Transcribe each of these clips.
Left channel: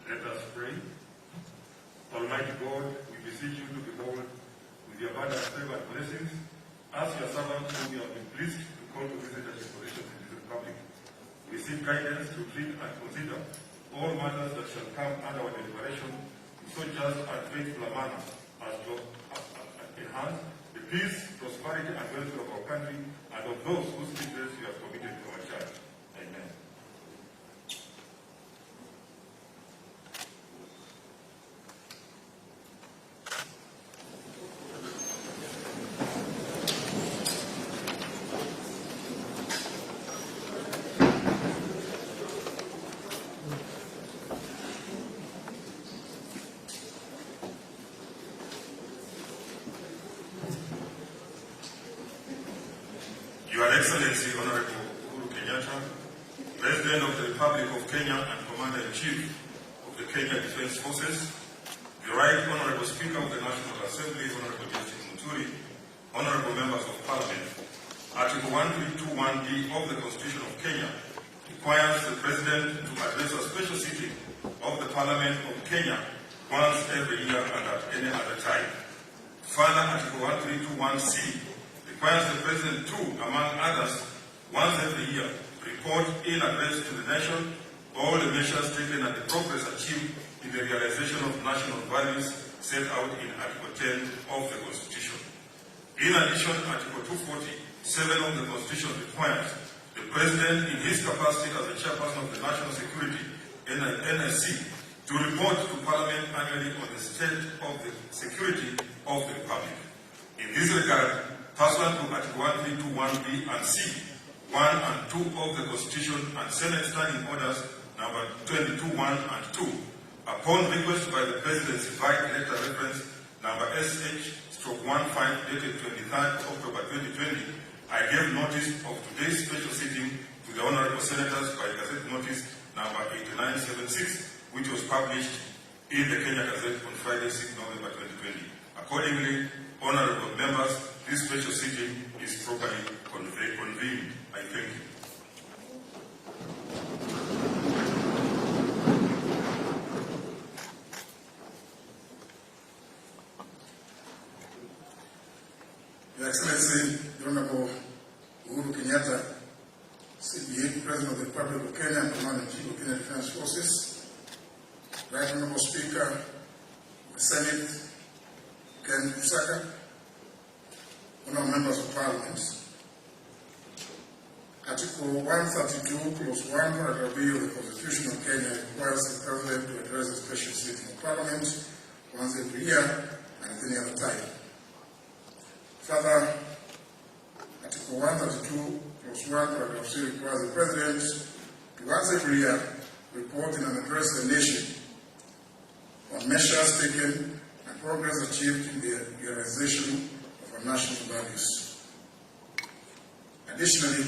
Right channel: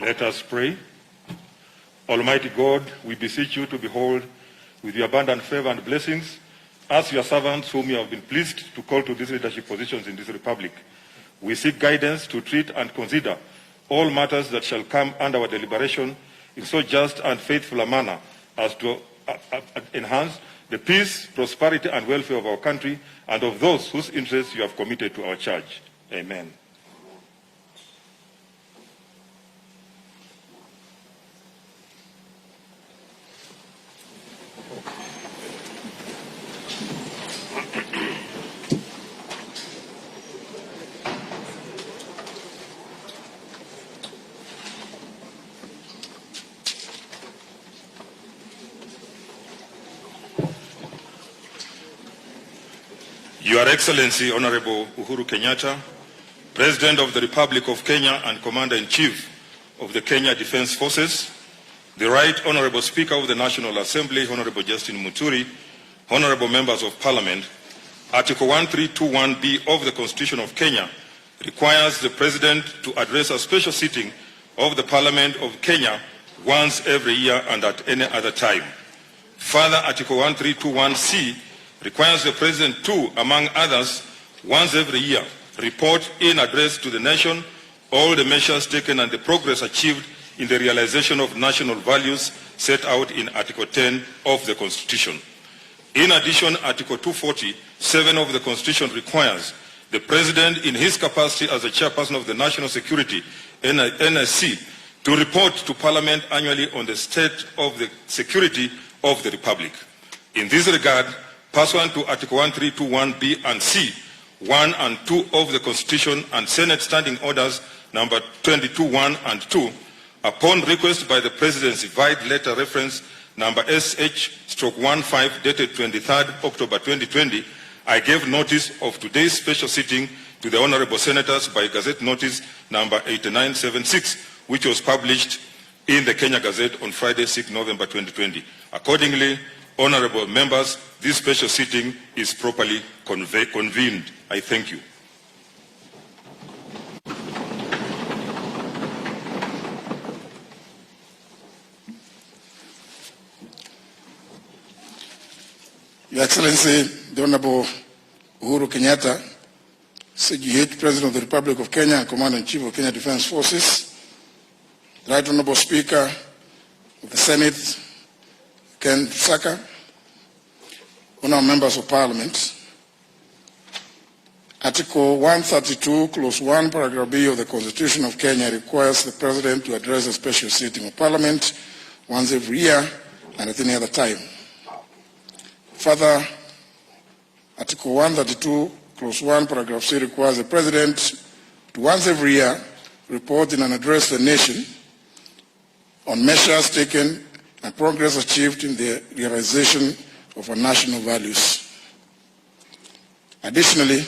Let us pray. Almighty God, we beseech you to behold with your abundant favor and blessings as your servants whom you have been pleased to call to these leadership positions in this republic. We seek guidance to treat and consider all matters that shall come under our deliberation in so just and faithful a manner as to enhance the peace, prosperity, and welfare of our country and of those whose interests you have committed to our church. Amen. Your Excellency, Honorable Uhuru Kenyatta, President of the Republic of Kenya and Commander-in-Chief of the Kenya Defense Forces, the Right Honorable Speaker of the National Assembly, Honorable Justin Muturi, Honorable Members of Parliament, Article 1321B of the Constitution of Kenya requires the President to address a special sitting of the Parliament of Kenya once every year and at any other time. Further, Article 1321C requires the President to, among others, once every year, report in address to the nation all the measures taken and the progress achieved in the realization of national values set out in Article 10 of the Constitution. In addition, Article 247 of the Constitution requires the President, in his capacity as the Chairperson of the National Security, NSC, to report to Parliament annually on the state of the security of the Republic. In this regard, pursuant to Article 1321B and C, 1 and 2 of the Constitution and Senate Standing Orders number 22.1 and 2, upon request by the Presidency, vide letter reference number SH/15 dated 23rd October 2020, I gave notice of today's special sitting to the Honorable Senators by Gazette Notice number 8976, which was published in the Kenya Gazette on Friday, 6 November 2020. Accordingly, Honorable members, this special sitting is properly convened. I thank you. Your Excellency, the Honorable Uhuru Kenyatta, CGH, President of the Republic of Kenya and Commander-in-Chief of Kenya Defense Forces, Right Honorable Speaker of the Senate, Ken Saka, Honorable Members of Parliament, Article 132, Clause 1, Paragraph B of the Constitution of Kenya requires the President to address a special sitting of Parliament once every year and at any other time. Further, Article 132, Clause 1, Paragraph C requires the President to once every year report in and address the nation on measures taken and progress achieved in the realization of our national values. Additionally,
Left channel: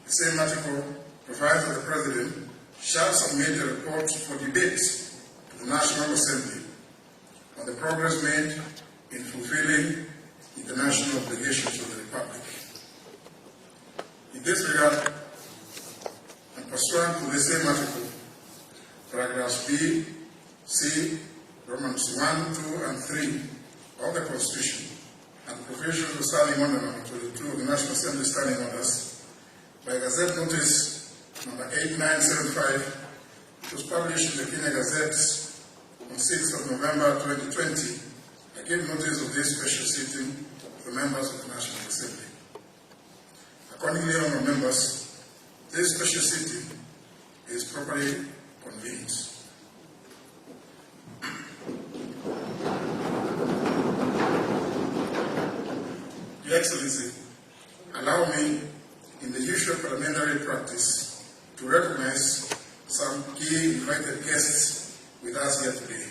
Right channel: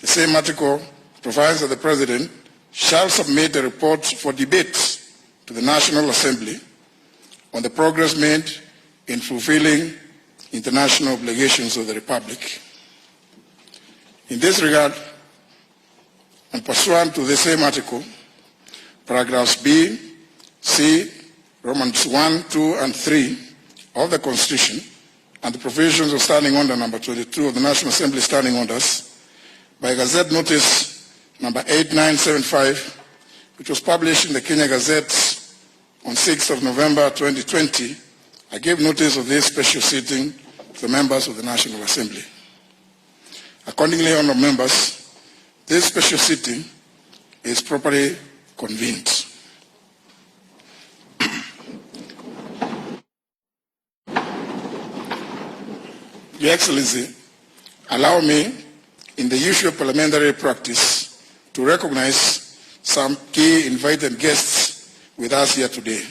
the same article provides that the President shall submit a report for debate to the National Assembly on the progress made in fulfilling international obligations of the Republic. In this regard, and pursuant to the same article, paragraphs B, C, Romans 1, 2, and 3 of the Constitution and the provisions of Standing Order number 22 of the National Assembly Standing Orders, by Gazette Notice number 8975, which was published in the Kenya Gazette on 6th of November 2020, I gave notice of this special sitting to the members of the National Assembly. Accordingly, honourable members, this special sitting is properly convened. Your Excellency, allow me, in the usual parliamentary practice, to recognize some key invited guests with us here today.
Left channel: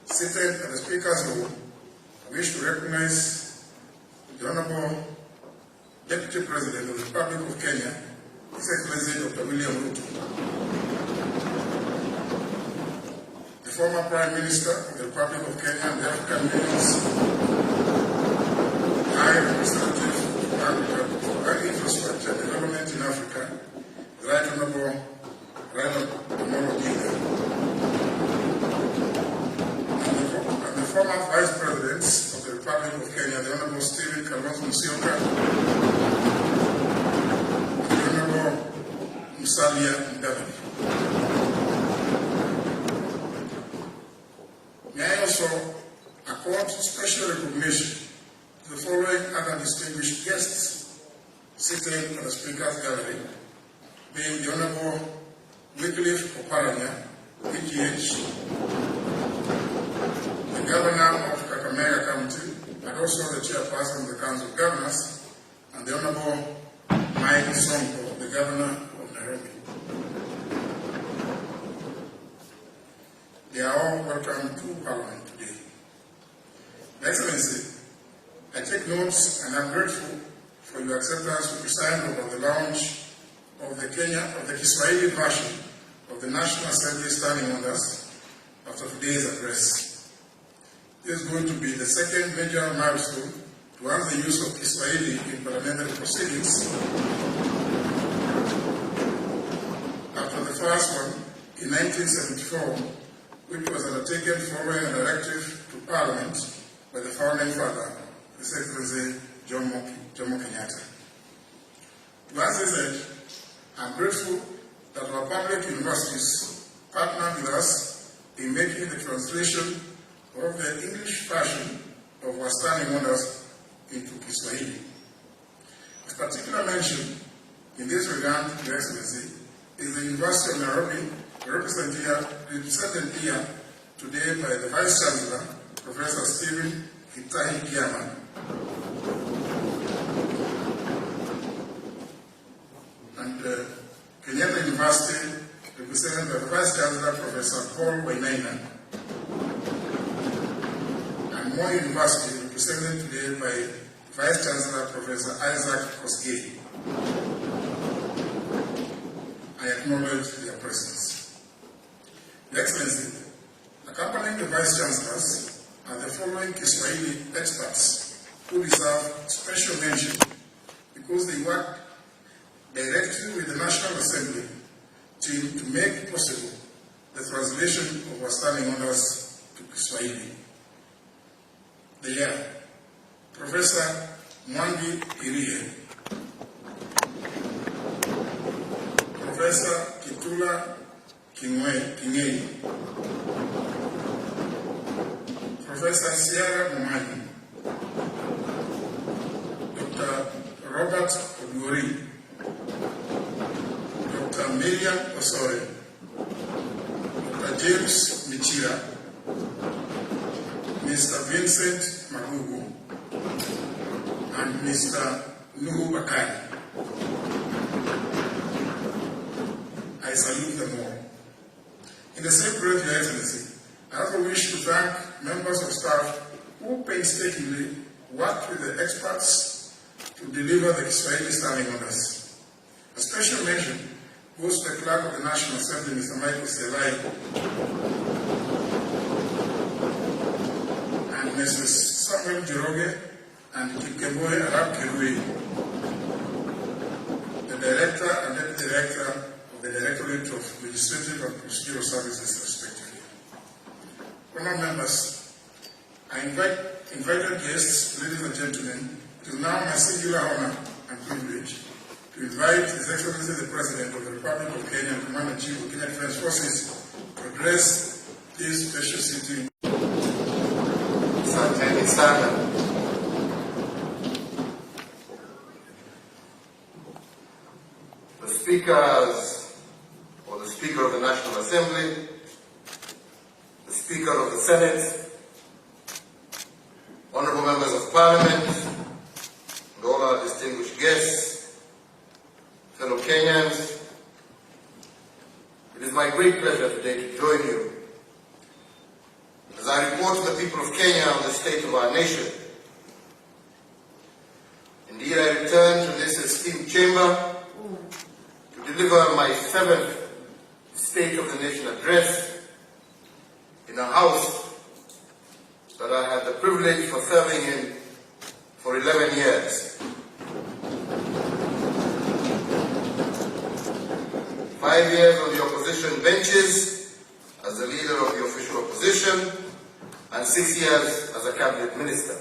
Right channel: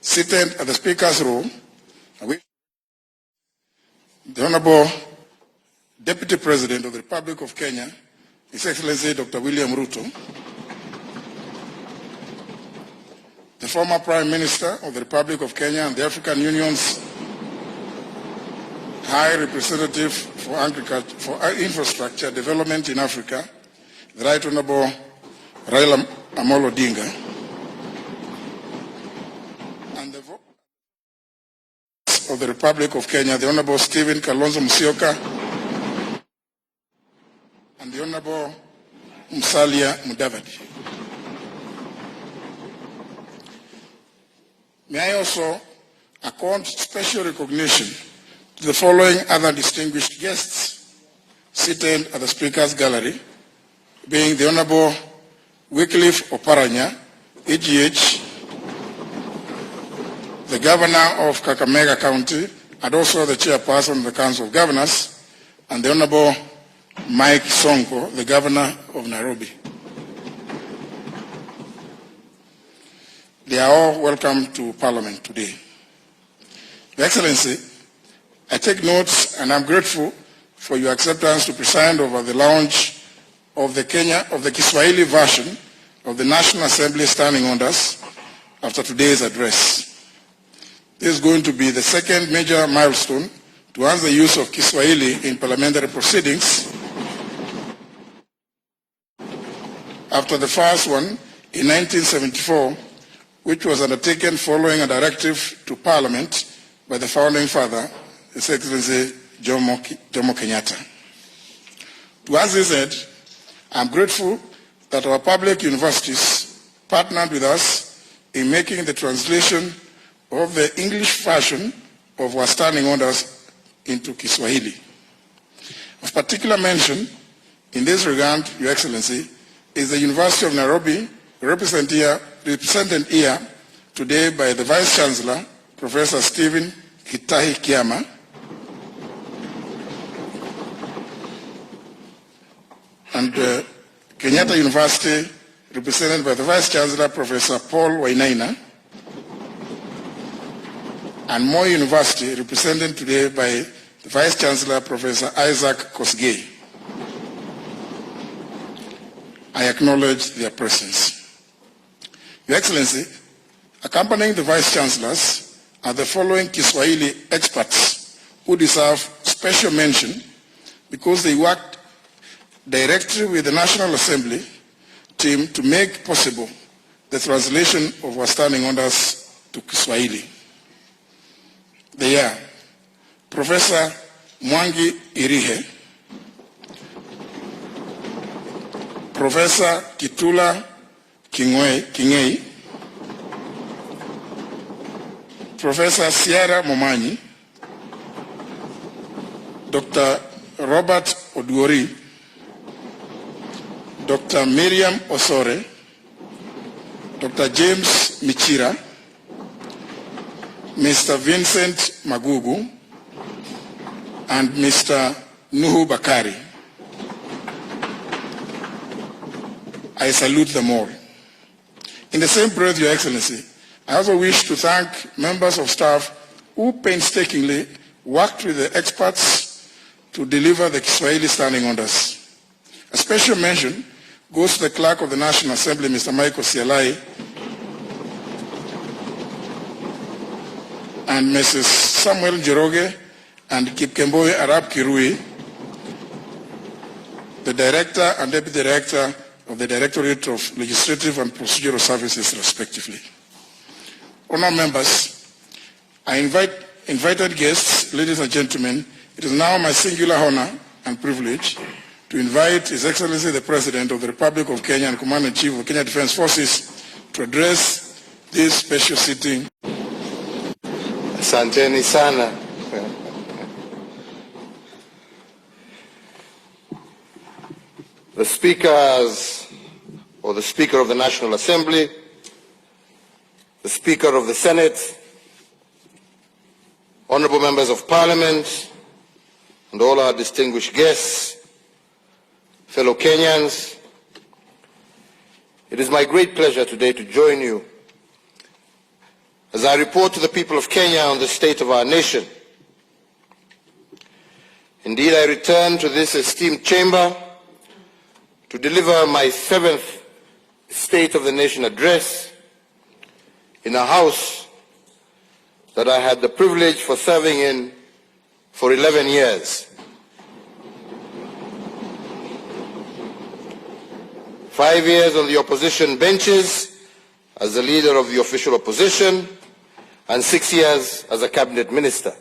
Seated at the Speaker's row, I wish to recognize the Honorable Deputy President of the Republic of Kenya, His Excellency Dr. William Ruto, the former Prime Minister of the Republic of Kenya and the African Union's High Representative for Infrastructure Development in Africa, the Right Honorable Raila Amolo Odinga, former Vice President of the Republic of Kenya, the Honorable Stephen Kalonzo Musyoka, and the Honorable Musalia Mudavadi. May I also accord special recognition to the following other distinguished guests seated at the Speaker's Gallery, being the Honorable Wycliffe Oparanya, EGH, the Governor of Kakamega County, and also the Chairperson of the Council of Governors, and the Honorable Mike Sonko, the Governor of Nairobi. They are all welcome to Parliament today. Your Excellency, I take notes and I'm grateful for your acceptance to preside over the launch of the Kiswahili version of the National Assembly Standing Orders after today's address. This is going to be the second major milestone towards the use of Kiswahili in parliamentary proceedings after the first one in 1974, which was undertaken following a directive to Parliament by the founding father, His Excellency Jomo Kenyatta. Towards this end, I'm grateful that our public universities partnered with us in making the translation of the English version of our standing orders into Kiswahili. Of particular mention in this regard, Your Excellency, is the University of Nairobi, represented here today by the Vice Chancellor, Professor Stephen Hitahi Kiama, and Kenyatta University, represented by the Vice Chancellor, Professor Paul Wainaina, and Moi University, represented today by the Vice Chancellor, Professor Isaac Kosgei. I acknowledge their presence. Your Excellency, accompanying the Vice Chancellors are the following Kiswahili experts who deserve special mention because they worked directly with the National Assembly team to make possible the translation of our standing orders to Kiswahili. They are Professor Mwangi Irihe, Professor Kitula Kingei, Professor Sierra Momanyi, Dr. Robert Oduori, Dr. Miriam Osore, Dr. James Michira, Mr. Vincent Magugu, and Mr. Nuhu Bakari. I salute them all. In the same breath, Your Excellency, I also wish to thank members of staff who painstakingly worked with the experts to deliver the Kiswahili standing orders. A special mention goes to the Clerk of the National Assembly, Mr. Michael Sialai, and Mrs. Samuel Jeroge and Kipkemboe Arab Kirui, the Director and Deputy Director of the Directorate of Legislative and Procedural Services, respectively. Honored members, I invited guests, ladies and gentlemen, it is now my singular honor and privilege to invite His Excellency the President of the Republic of Kenya and Commander-in-Chief of the Kenya Defense Forces to address this special sitting. Asanteni sana. The speakers, or the Speaker of the National Assembly, the Speaker of the Senate, honorable members of Parliament, and all our distinguished guests, fellow Kenyans, it is my great pleasure today to join you as I report to the people of Kenya on the state of our nation. Indeed, I return to this esteemed chamber to deliver my 7th State of the Nation address in a house that I had the privilege for serving in for 11 years. 5 years on the opposition benches as the leader of the official opposition, and 6 years as a cabinet minister.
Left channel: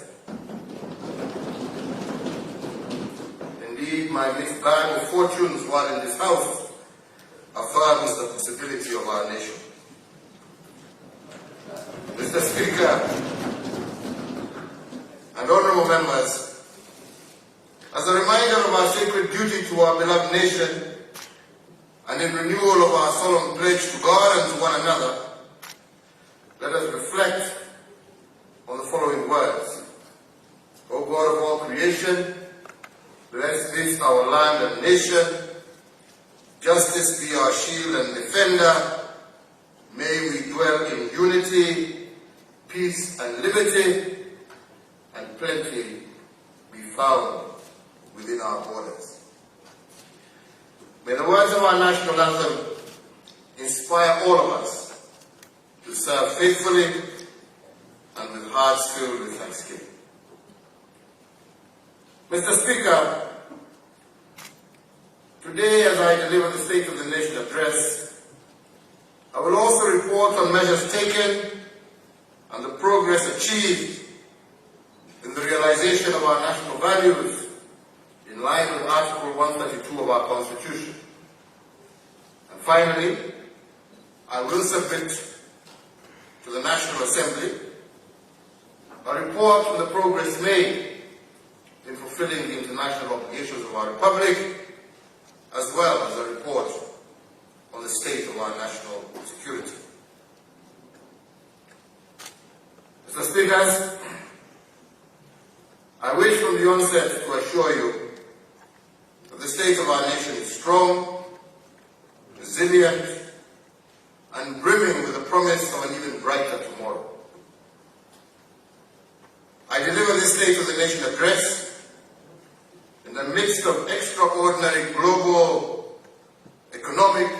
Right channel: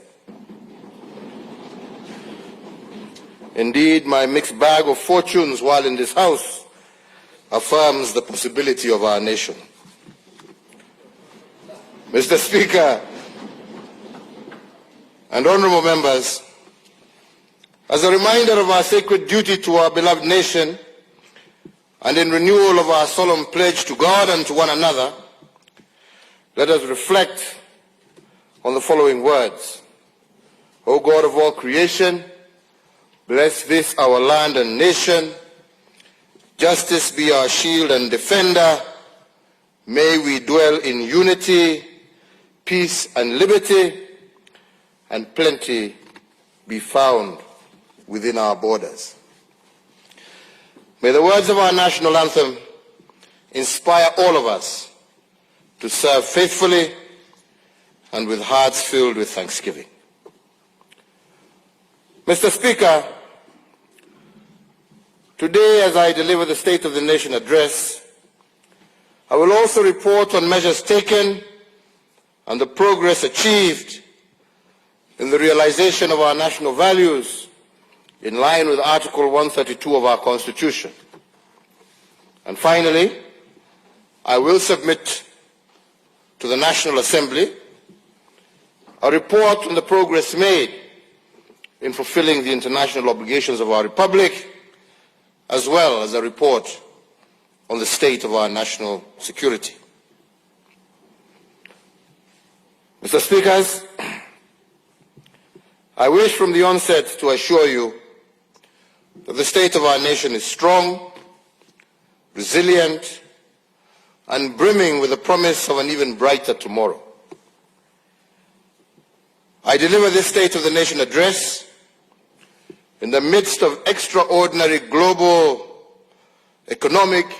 Indeed, my mixed bag of fortunes while in this House affirms the possibility of our nation. Mr. Speaker and honorable members, as a reminder of our sacred duty to our beloved nation and in renewal of our solemn pledge to God and to one another, let us reflect on the following words. O God of all creation, bless this our land and nation. Justice be our shield and defender. May we dwell in unity, peace and liberty, and plenty be found within our borders. May the words of our national anthem inspire all of us to serve faithfully and with hearts filled with thanksgiving. Mr. Speaker, today as I deliver the State of the Nation address, I will also report on measures taken and the progress achieved in the realization of our national values in line with Article 132 of our Constitution. And finally, I will submit to the National Assembly a report on the progress made in fulfilling the international obligations of our Republic, as well as a report on the state of our national security. Mr. Speakers, I wish from the onset to assure you that the state of our nation is strong, resilient, and brimming with the promise of an even brighter tomorrow. I deliver this State of the Nation address in the midst of extraordinary global, economic,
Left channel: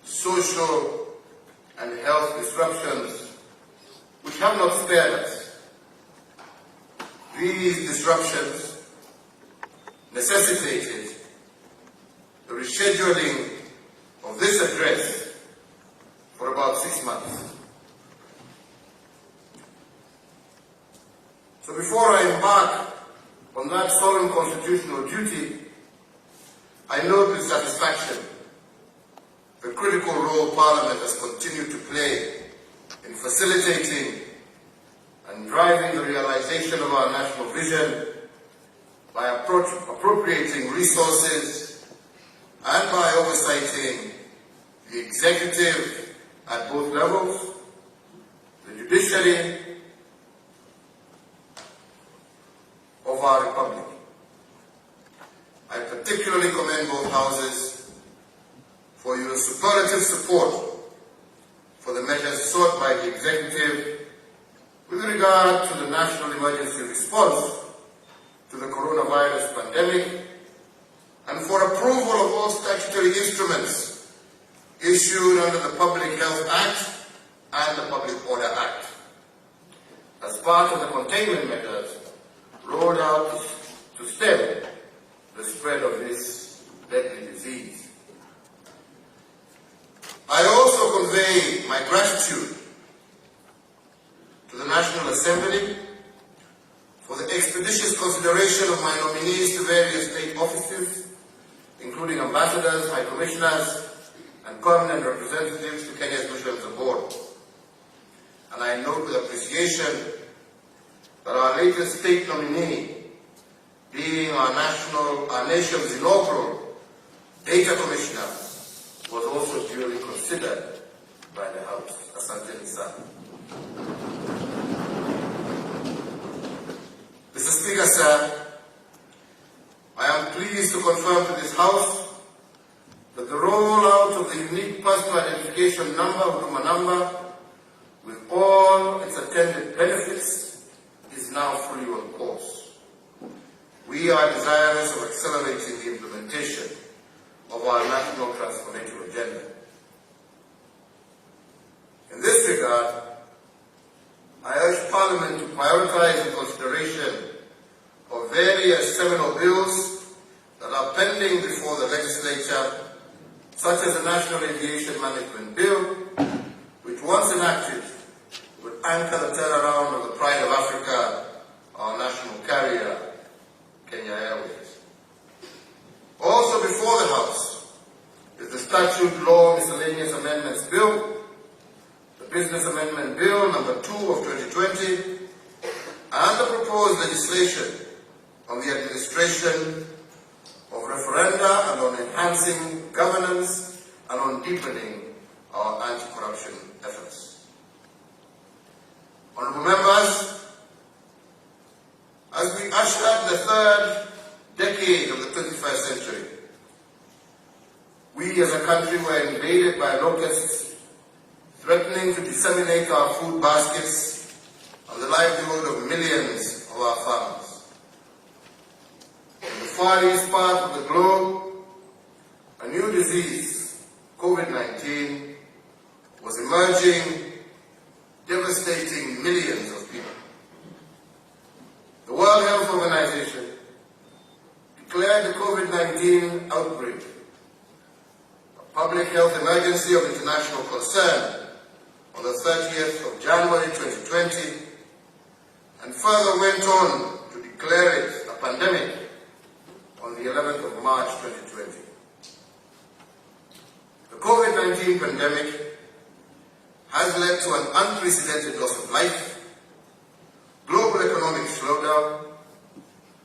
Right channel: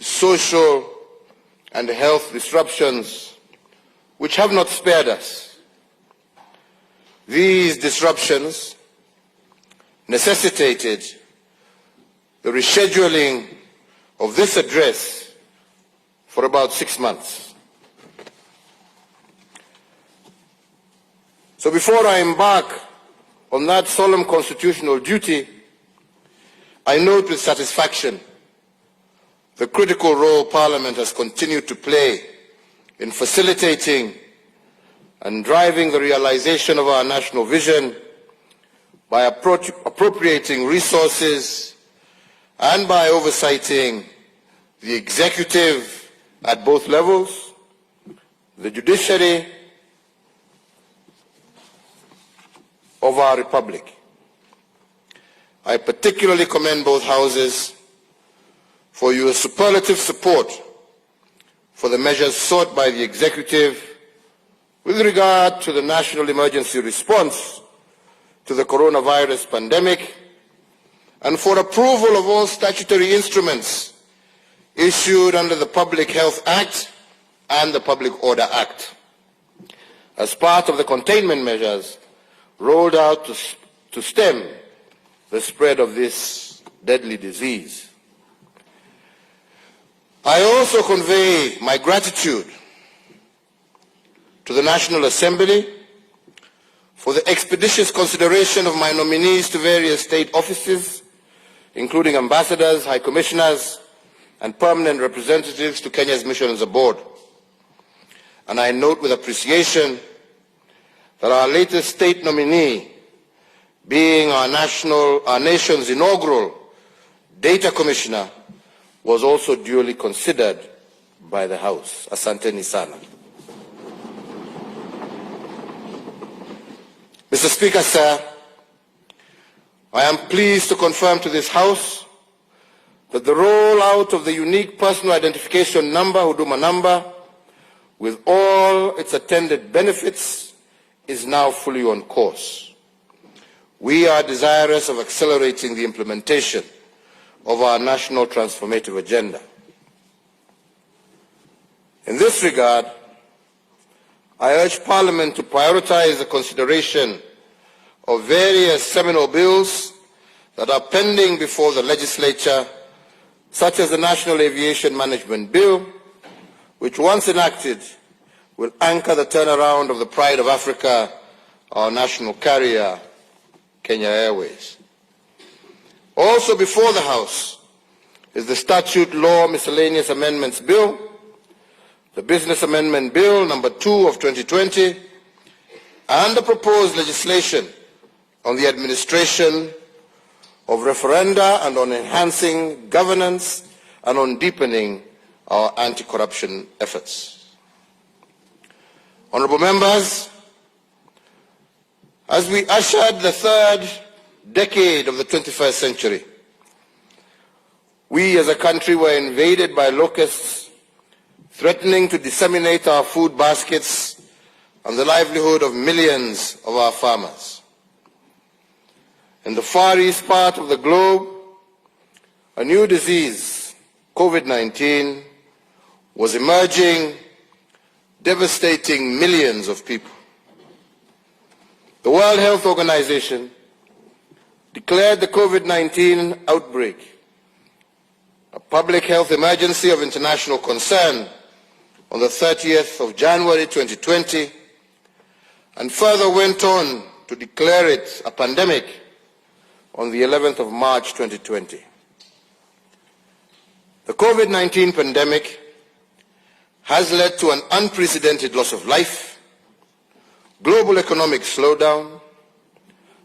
social, and health disruptions which have not spared us. These disruptions necessitated the rescheduling of this address for about 6 months. So before I embark on that solemn constitutional duty, I note with satisfaction the critical role Parliament has continued to play in facilitating and driving the realization of our national vision by appropriating resources and by oversighting the executive at both levels, the judiciary of our Republic. I particularly commend both houses for your superlative support for the measures sought by the executive with regard to the national emergency response to the coronavirus pandemic and for approval of all statutory instruments issued under the Public Health Act and the Public Order Act as part of the containment measures rolled out to stem the spread of this deadly disease. I also convey my gratitude to the National Assembly for the expeditious consideration of my nominees to various state offices, including ambassadors, high commissioners, and permanent representatives to Kenya's missions abroad. And I note with appreciation that our latest state nominee, being our nation's inaugural data commissioner, was also duly considered by the House. Asanteni sana. Mr. Speaker, sir, I am pleased to confirm to this House that the rollout of the unique personal identification number, Huduma number, with all its attendant benefits, is now fully on course. We are desirous of accelerating the implementation of our national transformative agenda. In this regard, I urge Parliament to prioritize the consideration of various seminal bills that are pending before the legislature, such as the National Aviation Management Bill, which once enacted will anchor the turnaround of the pride of Africa, our national carrier, Kenya Airways. Also before the House is the Statute Law Miscellaneous Amendments Bill, the Business Amendment Bill number 2 of 2020, and the proposed legislation on the administration of referenda and on enhancing governance and on deepening our anti-corruption efforts. Honourable members, as we ushered the third decade of the 21st century, we as a country were invaded by locusts threatening to disseminate our food baskets and the livelihood of millions of our farmers. In the far east part of the globe, a new disease, COVID-19, was emerging, devastating millions of people. The World Health Organization declared the COVID-19 outbreak a public health emergency of international concern on the 30th of January 2020, and further went on to declare it a pandemic on the 11th of March 2020. The COVID-19 pandemic has led to an unprecedented loss of life, global economic slowdown,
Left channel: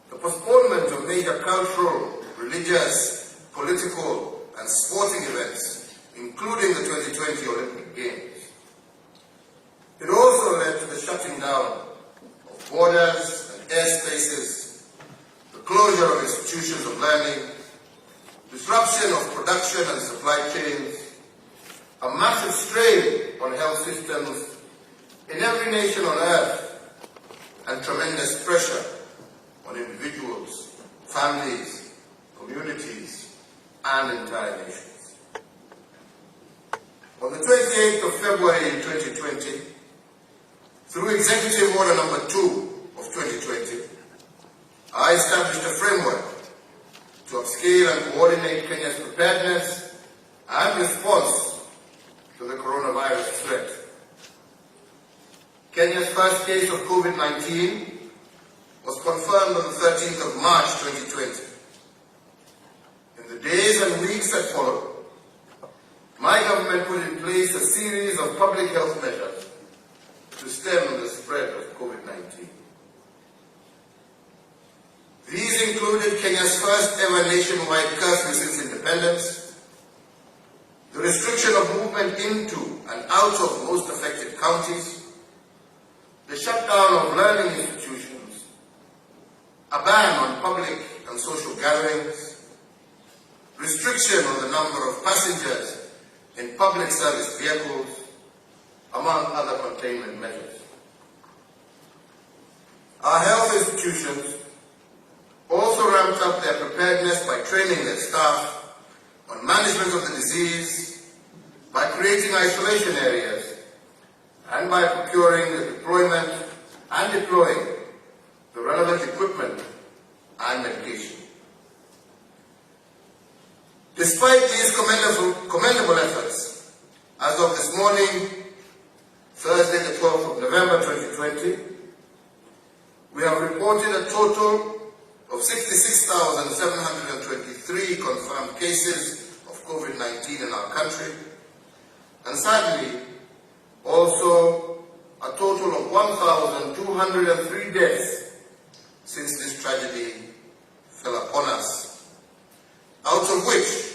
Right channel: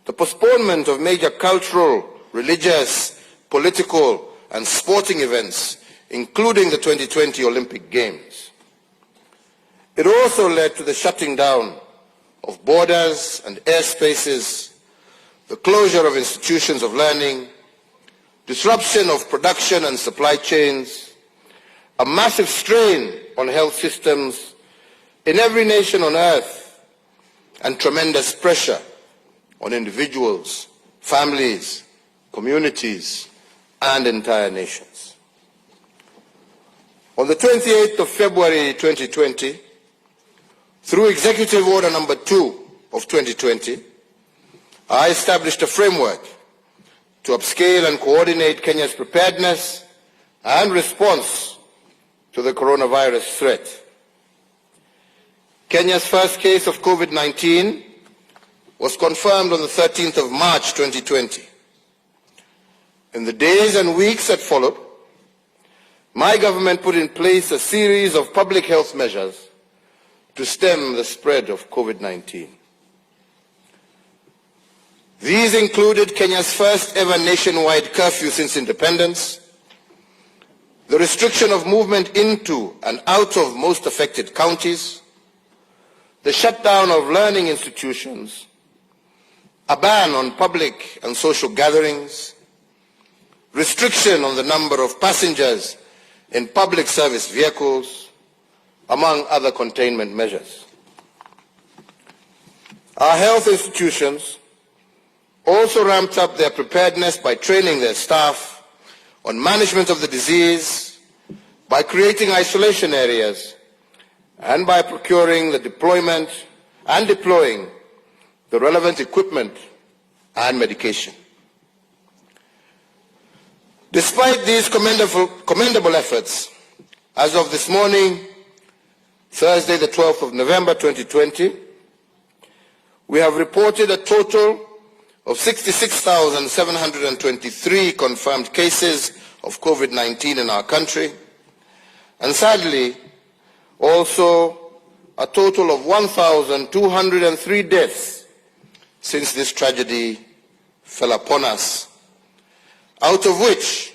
the postponement of major cultural, religious, political, and sporting events, including the 2020 Olympic Games. It also led to the shutting down of borders and airspaces, the closure of institutions of learning, disruption of production and supply chains, a massive strain on health systems in every nation on earth, and tremendous pressure on individuals, families, communities, and entire nations. On the 28th of February 2020, through Executive Order number 2 of 2020, I established a framework to upscale and coordinate Kenya's preparedness and response to the coronavirus threat. Kenya's first case of COVID-19 was confirmed on the 13th of March 2020. In the days and weeks that followed, my government put in place a series of public health measures to stem the spread of COVID-19. These included Kenya's first ever nationwide curfew since independence, the restriction of movement into and out of most affected counties, the shutdown of learning institutions, a ban on public and social gatherings, restriction on the number of passengers in public service vehicles, among other containment measures. Our health institutions also ramped up their preparedness by training their staff on management of the disease, by creating isolation areas, and by procuring the deployment and deploying the relevant equipment and medication. Despite these commendable efforts, as of this morning, Thursday the 12th of November 2020, we have reported a total of 66,723 confirmed cases of COVID-19 in our country, and sadly, also a total of 1,203 deaths since this tragedy fell upon us, out of which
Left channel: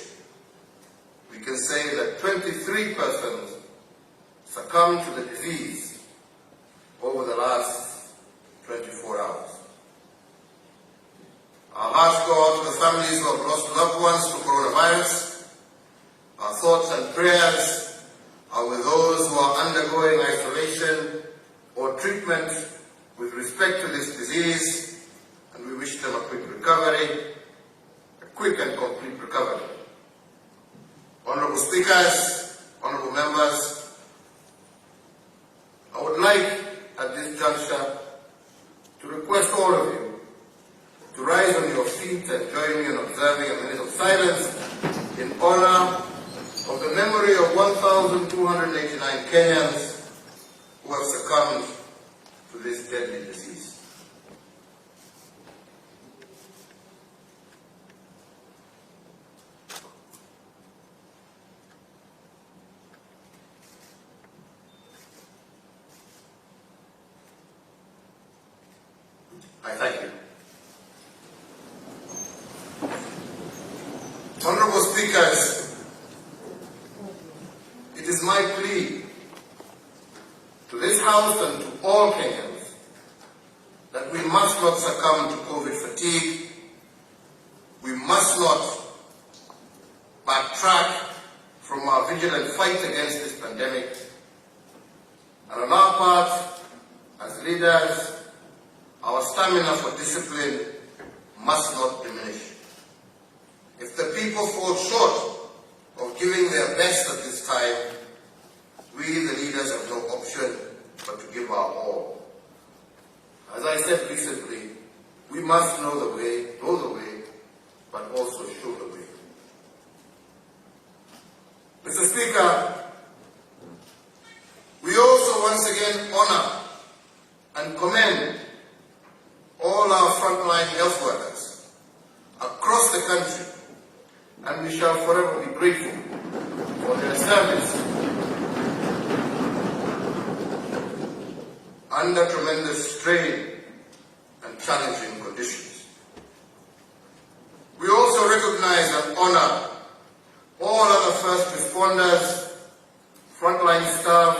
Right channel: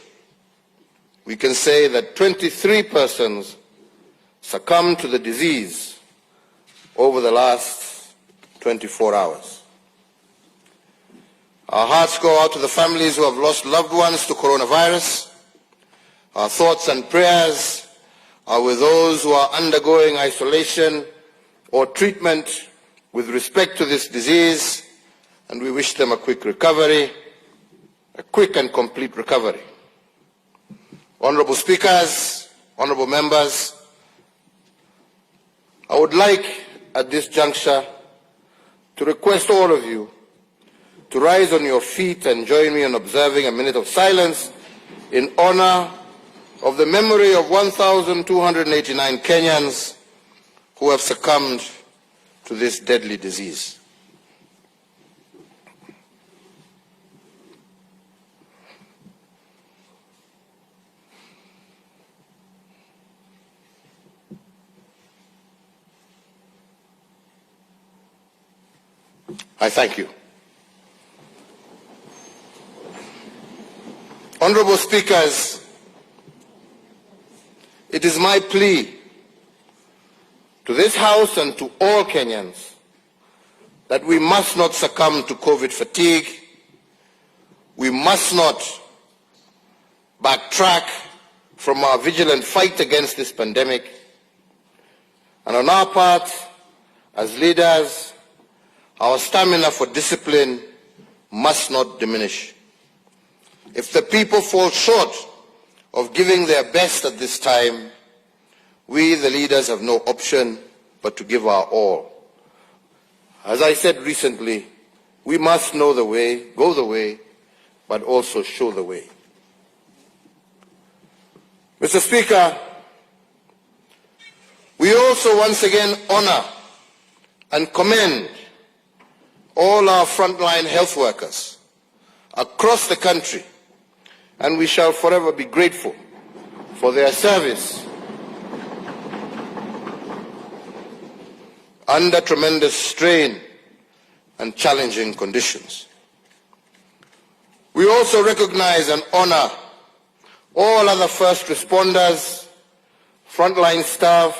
we can say that 23 persons succumbed to the disease over the last 24 hours. Our hearts go out to the families who have lost loved ones to coronavirus. Our thoughts and prayers are with those who are undergoing isolation or treatment with respect to this disease, and we wish them a quick recovery, a quick and complete recovery. Honourable Speakers, Honourable Members, I would like at this juncture to request all of you to rise on your feet and join me in observing a minute of silence in honour of the memory of 1,289 Kenyans who have succumbed to this deadly disease. I thank you. Honorable Speakers, it is my plea to this House and to all Kenyans that we must not succumb to COVID fatigue. We must not backtrack from our vigilant fight against this pandemic. And on our part, as leaders, our stamina for discipline must not diminish. If the people fall short of giving their best at this time, we, the leaders, have no option but to give our all. As I said recently, we must know the way, go the way, but also show the way. Mr. Speaker, we also once again honor and commend all our frontline health workers across the country, and we shall forever be grateful for their service under tremendous strain and challenging conditions. We also recognize and honor all other first responders, frontline staff,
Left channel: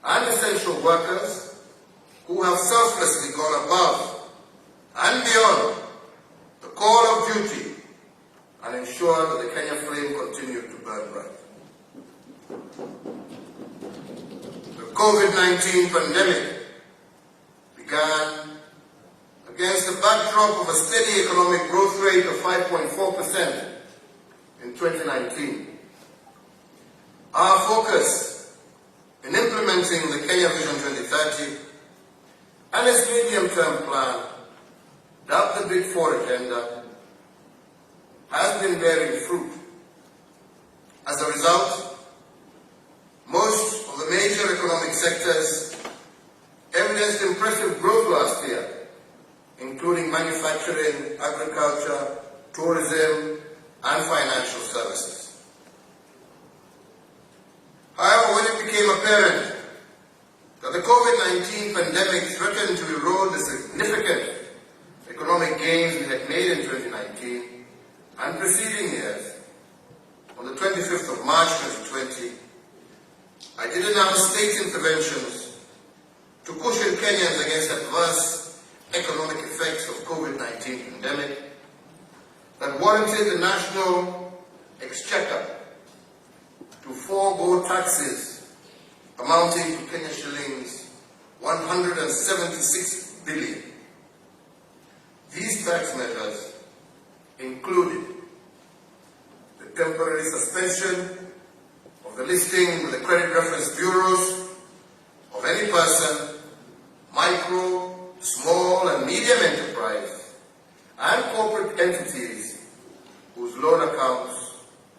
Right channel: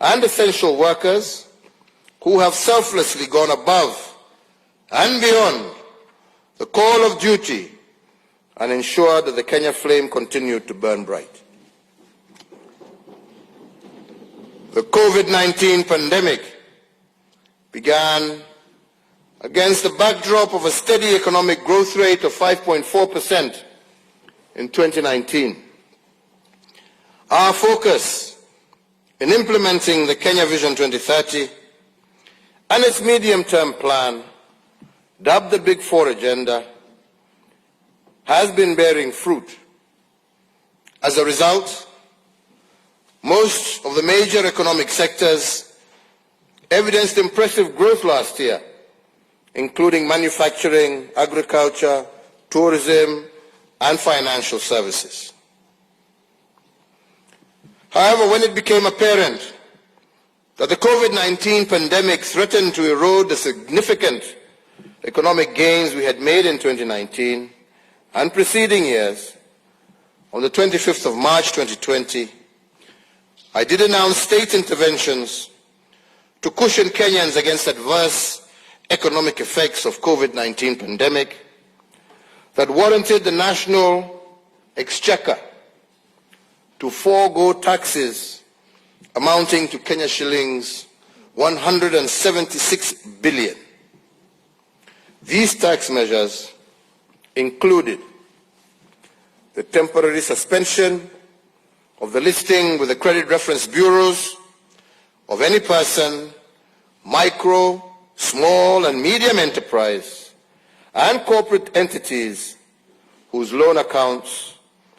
and essential workers who have selflessly gone above and beyond the call of duty and ensured that the Kenya flame continued to burn bright. The COVID-19 pandemic began against the backdrop of a steady economic growth rate of 5.4% in 2019. Our focus in implementing the Kenya Vision 2030 and its medium-term plan, dubbed the Big Four Agenda, has been bearing fruit. As a result, most of the major economic sectors evidenced impressive growth last year, including manufacturing, agriculture, tourism, and financial services. However, when it became apparent that the COVID-19 pandemic threatened to erode the significant economic gains we had made in 2019 and preceding years, on the 25th of March 2020, I did announce state interventions to cushion Kenyans against adverse economic effects of COVID-19 pandemic that warranted the national exchequer to forego taxes amounting to Kenya shillings 176 billion. These tax measures included the temporary suspension of the listing with the credit reference bureaus of any person, micro, small and medium enterprise, and corporate entities whose loan accounts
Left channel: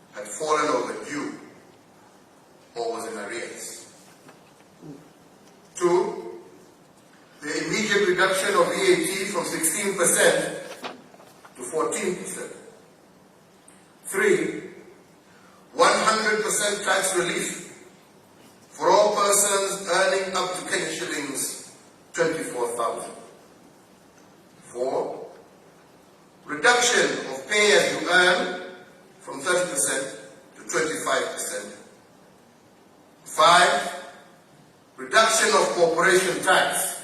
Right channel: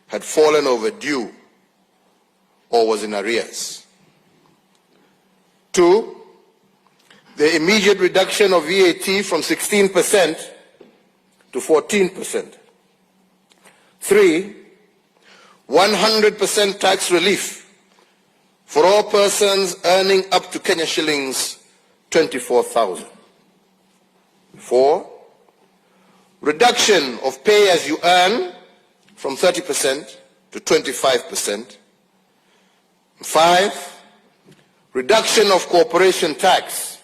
had fallen overdue or was in arrears. 2, the immediate reduction of VAT from 16% to 14%. 3, 100% tax relief for all persons earning up to Kenya shillings 24,000. 4, reduction of pay as you earn from 30% to 25%. 5, reduction of corporation tax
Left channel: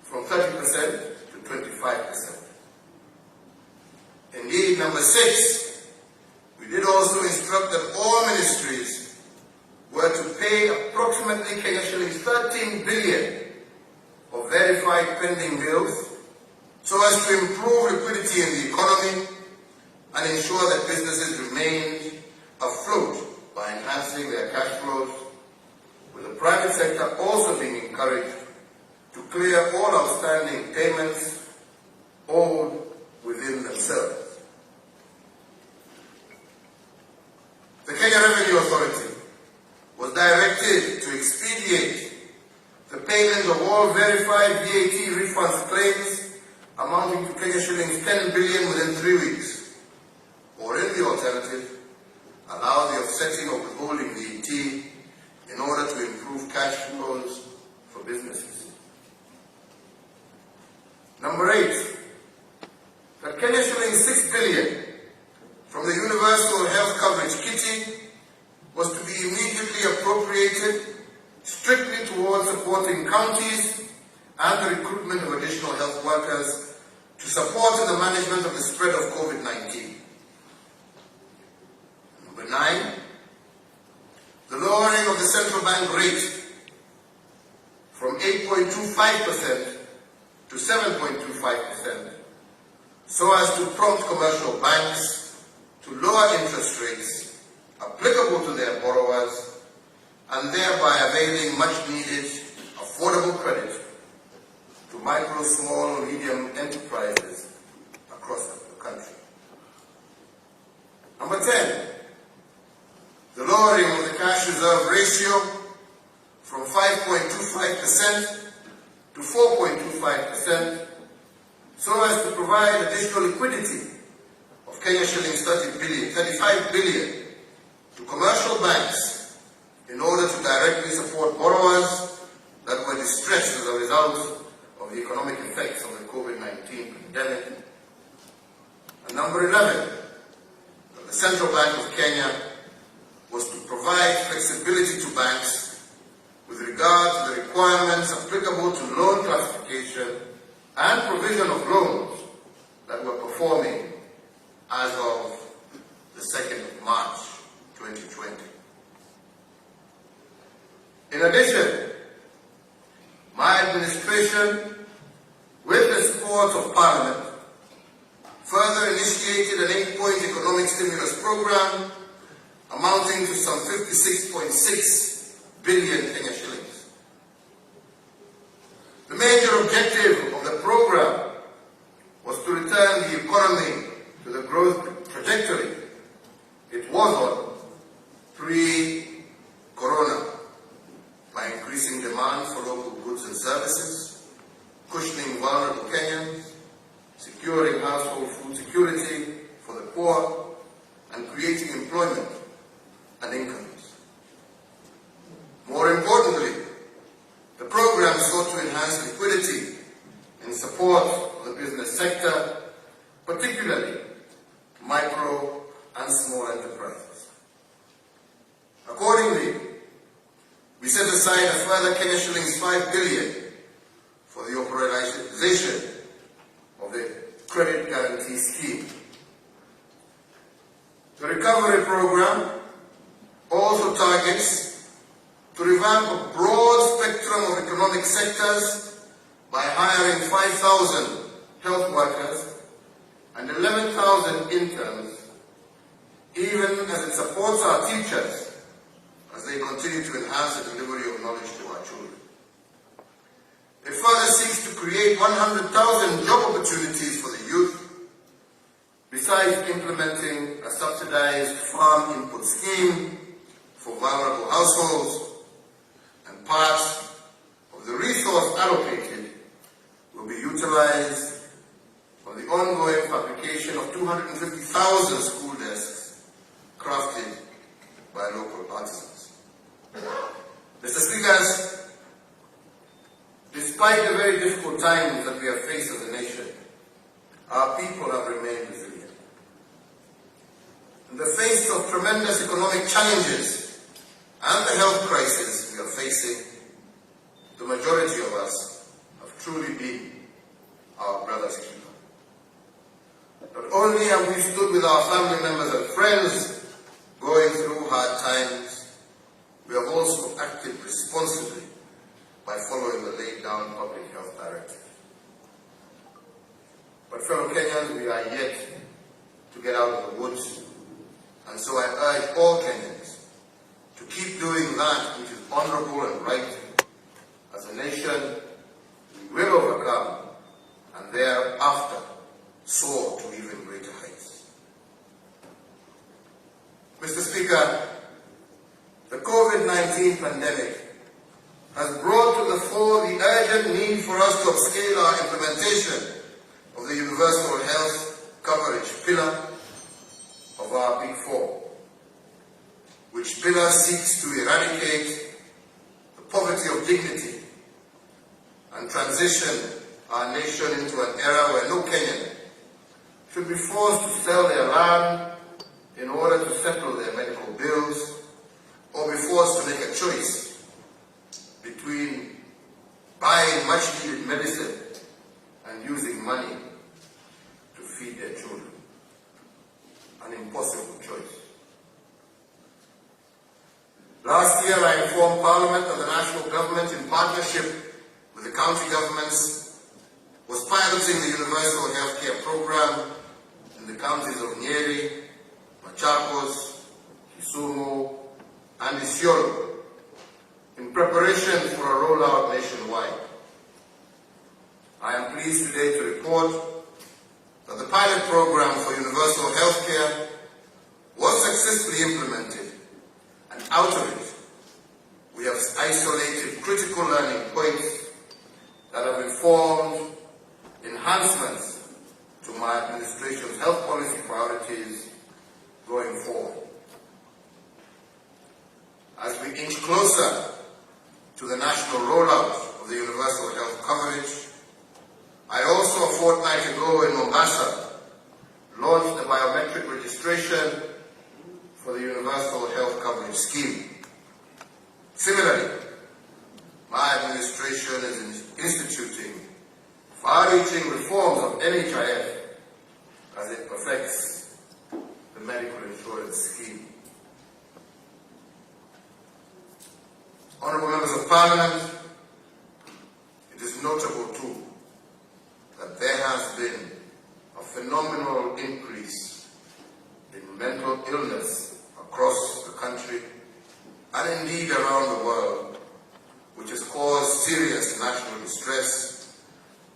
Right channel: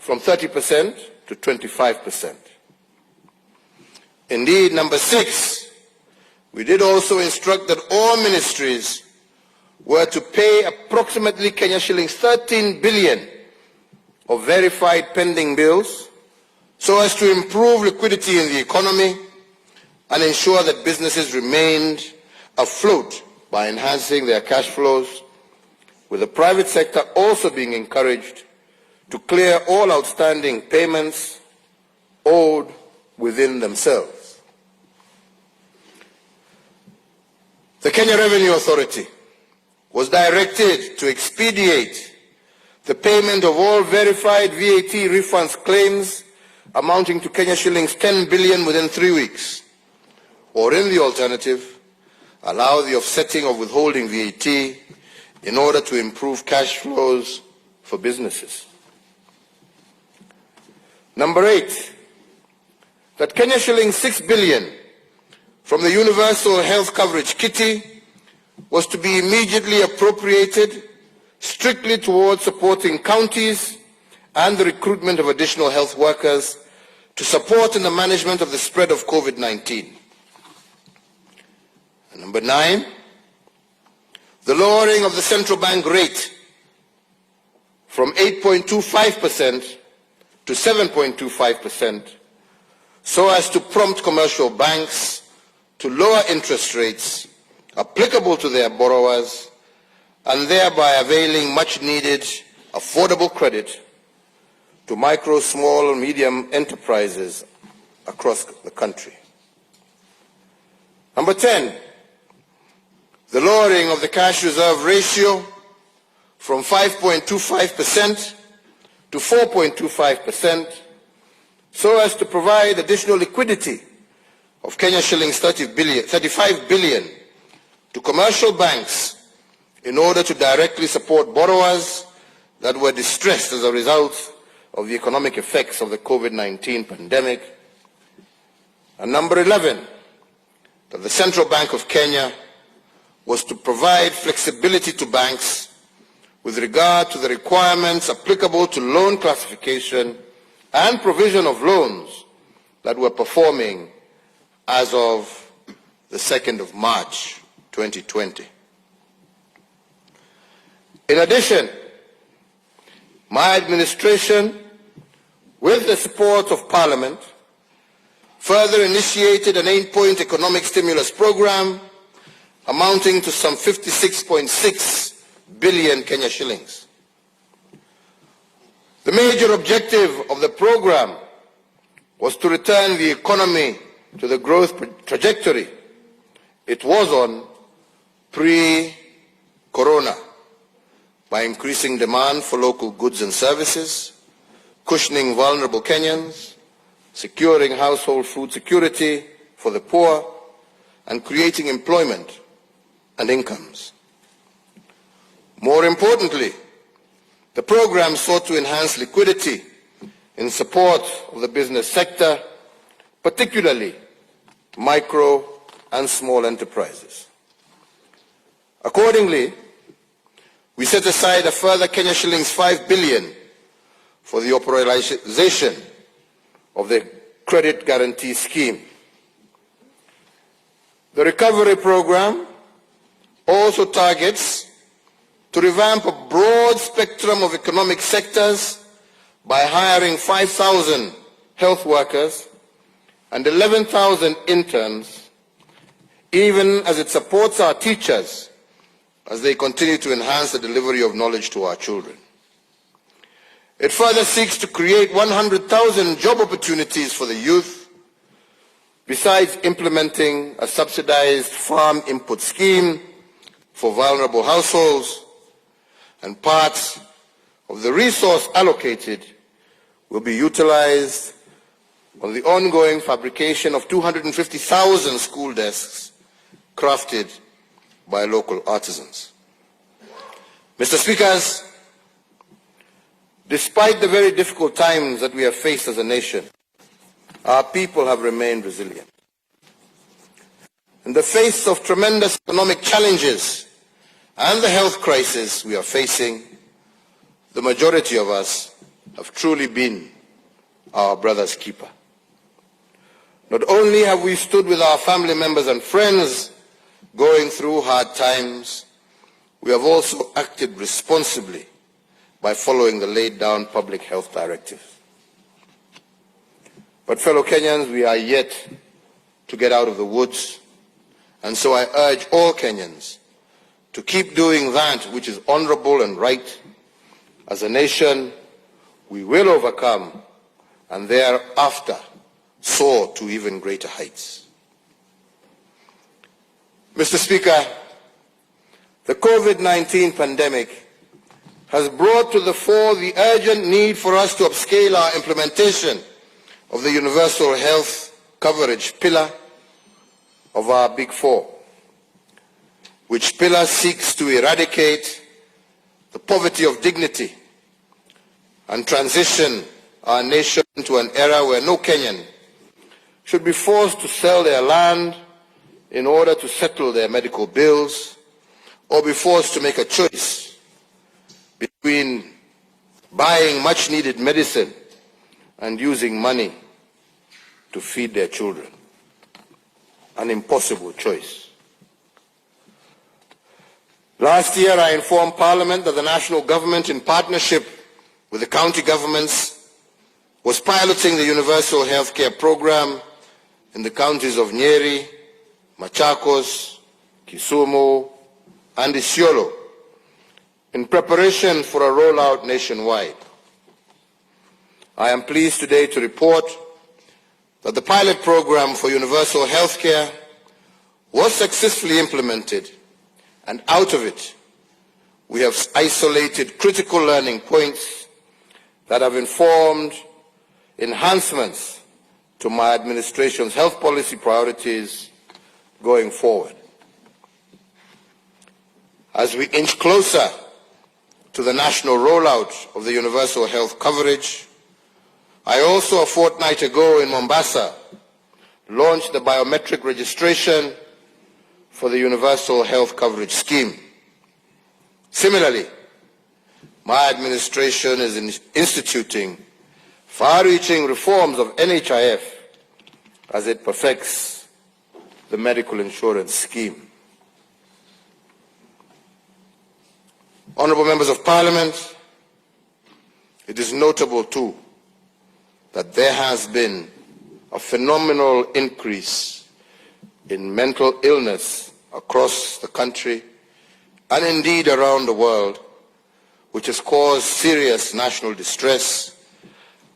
from 30% to 25%. Indeed, number 6, we did also instruct that all ministries were to pay approximately Kenya shillings 13 billion of verified pending bills so as to improve liquidity in the economy and ensure that businesses remained afloat by enhancing their cash flows, with the private sector also being encouraged to clear all outstanding payments owed within themselves. The Kenya Revenue Authority was directed to expedite the payment of all verified VAT refunds claims amounting to Kenya shillings 10 billion within 3 weeks, or in the alternative, allow the offsetting of withholding VAT in order to improve cash flows for businesses. Number 8, that Kenya shillings 6 billion from the Universal Health Coverage Kitty was to be immediately appropriated strictly towards supporting counties and the recruitment of additional health workers to support in the management of the spread of COVID-19. Number 9, the lowering of the central bank rate from 8.25% to 7.25%, so as to prompt commercial banks to lower interest rates applicable to their borrowers and thereby availing much-needed affordable credit to micro, small, and medium enterprises across the country. Number 10, the lowering of the cash reserve ratio from 5.25% to 4.25%, so as to provide additional liquidity of Kenya shillings 35 billion to commercial banks in order to directly support borrowers that were distressed as a result of the economic effects of the COVID-19 pandemic. And number 11, that the Central Bank of Kenya was to provide flexibility to banks with regard to the requirements applicable to loan classification and provision of loans that were performing as of the 2nd of March 2020. In addition, my administration, with the support of Parliament, further initiated an 8-point economic stimulus program amounting to some 56.6 billion Kenya shillings. The major objective of the program was to return the economy to the growth trajectory it was on pre-corona by increasing demand for local goods and services, cushioning vulnerable Kenyans, securing household food security for the poor, and creating employment and incomes. More importantly, the program sought to enhance liquidity in support of the business sector, particularly micro and small enterprises. Accordingly, we set aside a further Kenya shillings 5 billion for the operationalization of the credit guarantee scheme. The recovery program also targets to revamp a broad spectrum of economic sectors by hiring 5,000 health workers and 11,000 interns, even as it supports our teachers as they continue to enhance the delivery of knowledge to our children. It further seeks to create 100,000 job opportunities for the youth, besides implementing a subsidized farm input scheme for vulnerable households, and parts of the resource allocated will be utilized on the ongoing fabrication of 250,000 school desks crafted by local artisans. Mr. Speakers, despite the very difficult times that we have faced as a nation, our people have remained resilient. In the face of tremendous economic challenges and the health crisis we are facing, the majority of us have truly been our brother's keeper. Not only have we stood with our family members and friends going through hard times, we have also acted responsibly by following the laid down public health directive. But fellow Kenyans, we are yet to get out of the woods, and so I urge all Kenyans to keep doing that which is honorable and right. As a nation, we will overcome and thereafter soar to even greater heights. Mr. Speaker, the COVID-19 pandemic has brought to the fore the urgent need for us to upscale our implementation of the universal health coverage pillar of our Big Four, which pillar seeks to eradicate the poverty of dignity and transition our nation into an era where no Kenyan should be forced to sell their land in order to settle their medical bills, or be forced to make a choice between buying much-needed medicine and using money to feed their children. An impossible choice. Last year, I informed Parliament that the national government, in partnership with the county governments, was piloting the universal healthcare program in the counties of Nyeri, Machakos, Kisumu, and Isiolo, in preparation for a rollout nationwide. I am pleased today to report that the pilot program for universal healthcare was successfully implemented, and out of it, we have isolated critical learning points that have informed enhancements to my administration's health policy priorities going forward. As we inch closer to the national rollout of the universal health coverage, I also, a fortnight ago in Mombasa, launched the biometric registration for the universal health coverage scheme. Similarly, my administration is instituting far-reaching reforms of NHIF as it perfects the medical insurance scheme. Honourable Members of Parliament, it is notable too that there has been a phenomenal increase in mental illness across the country and indeed around the world, which has caused serious national distress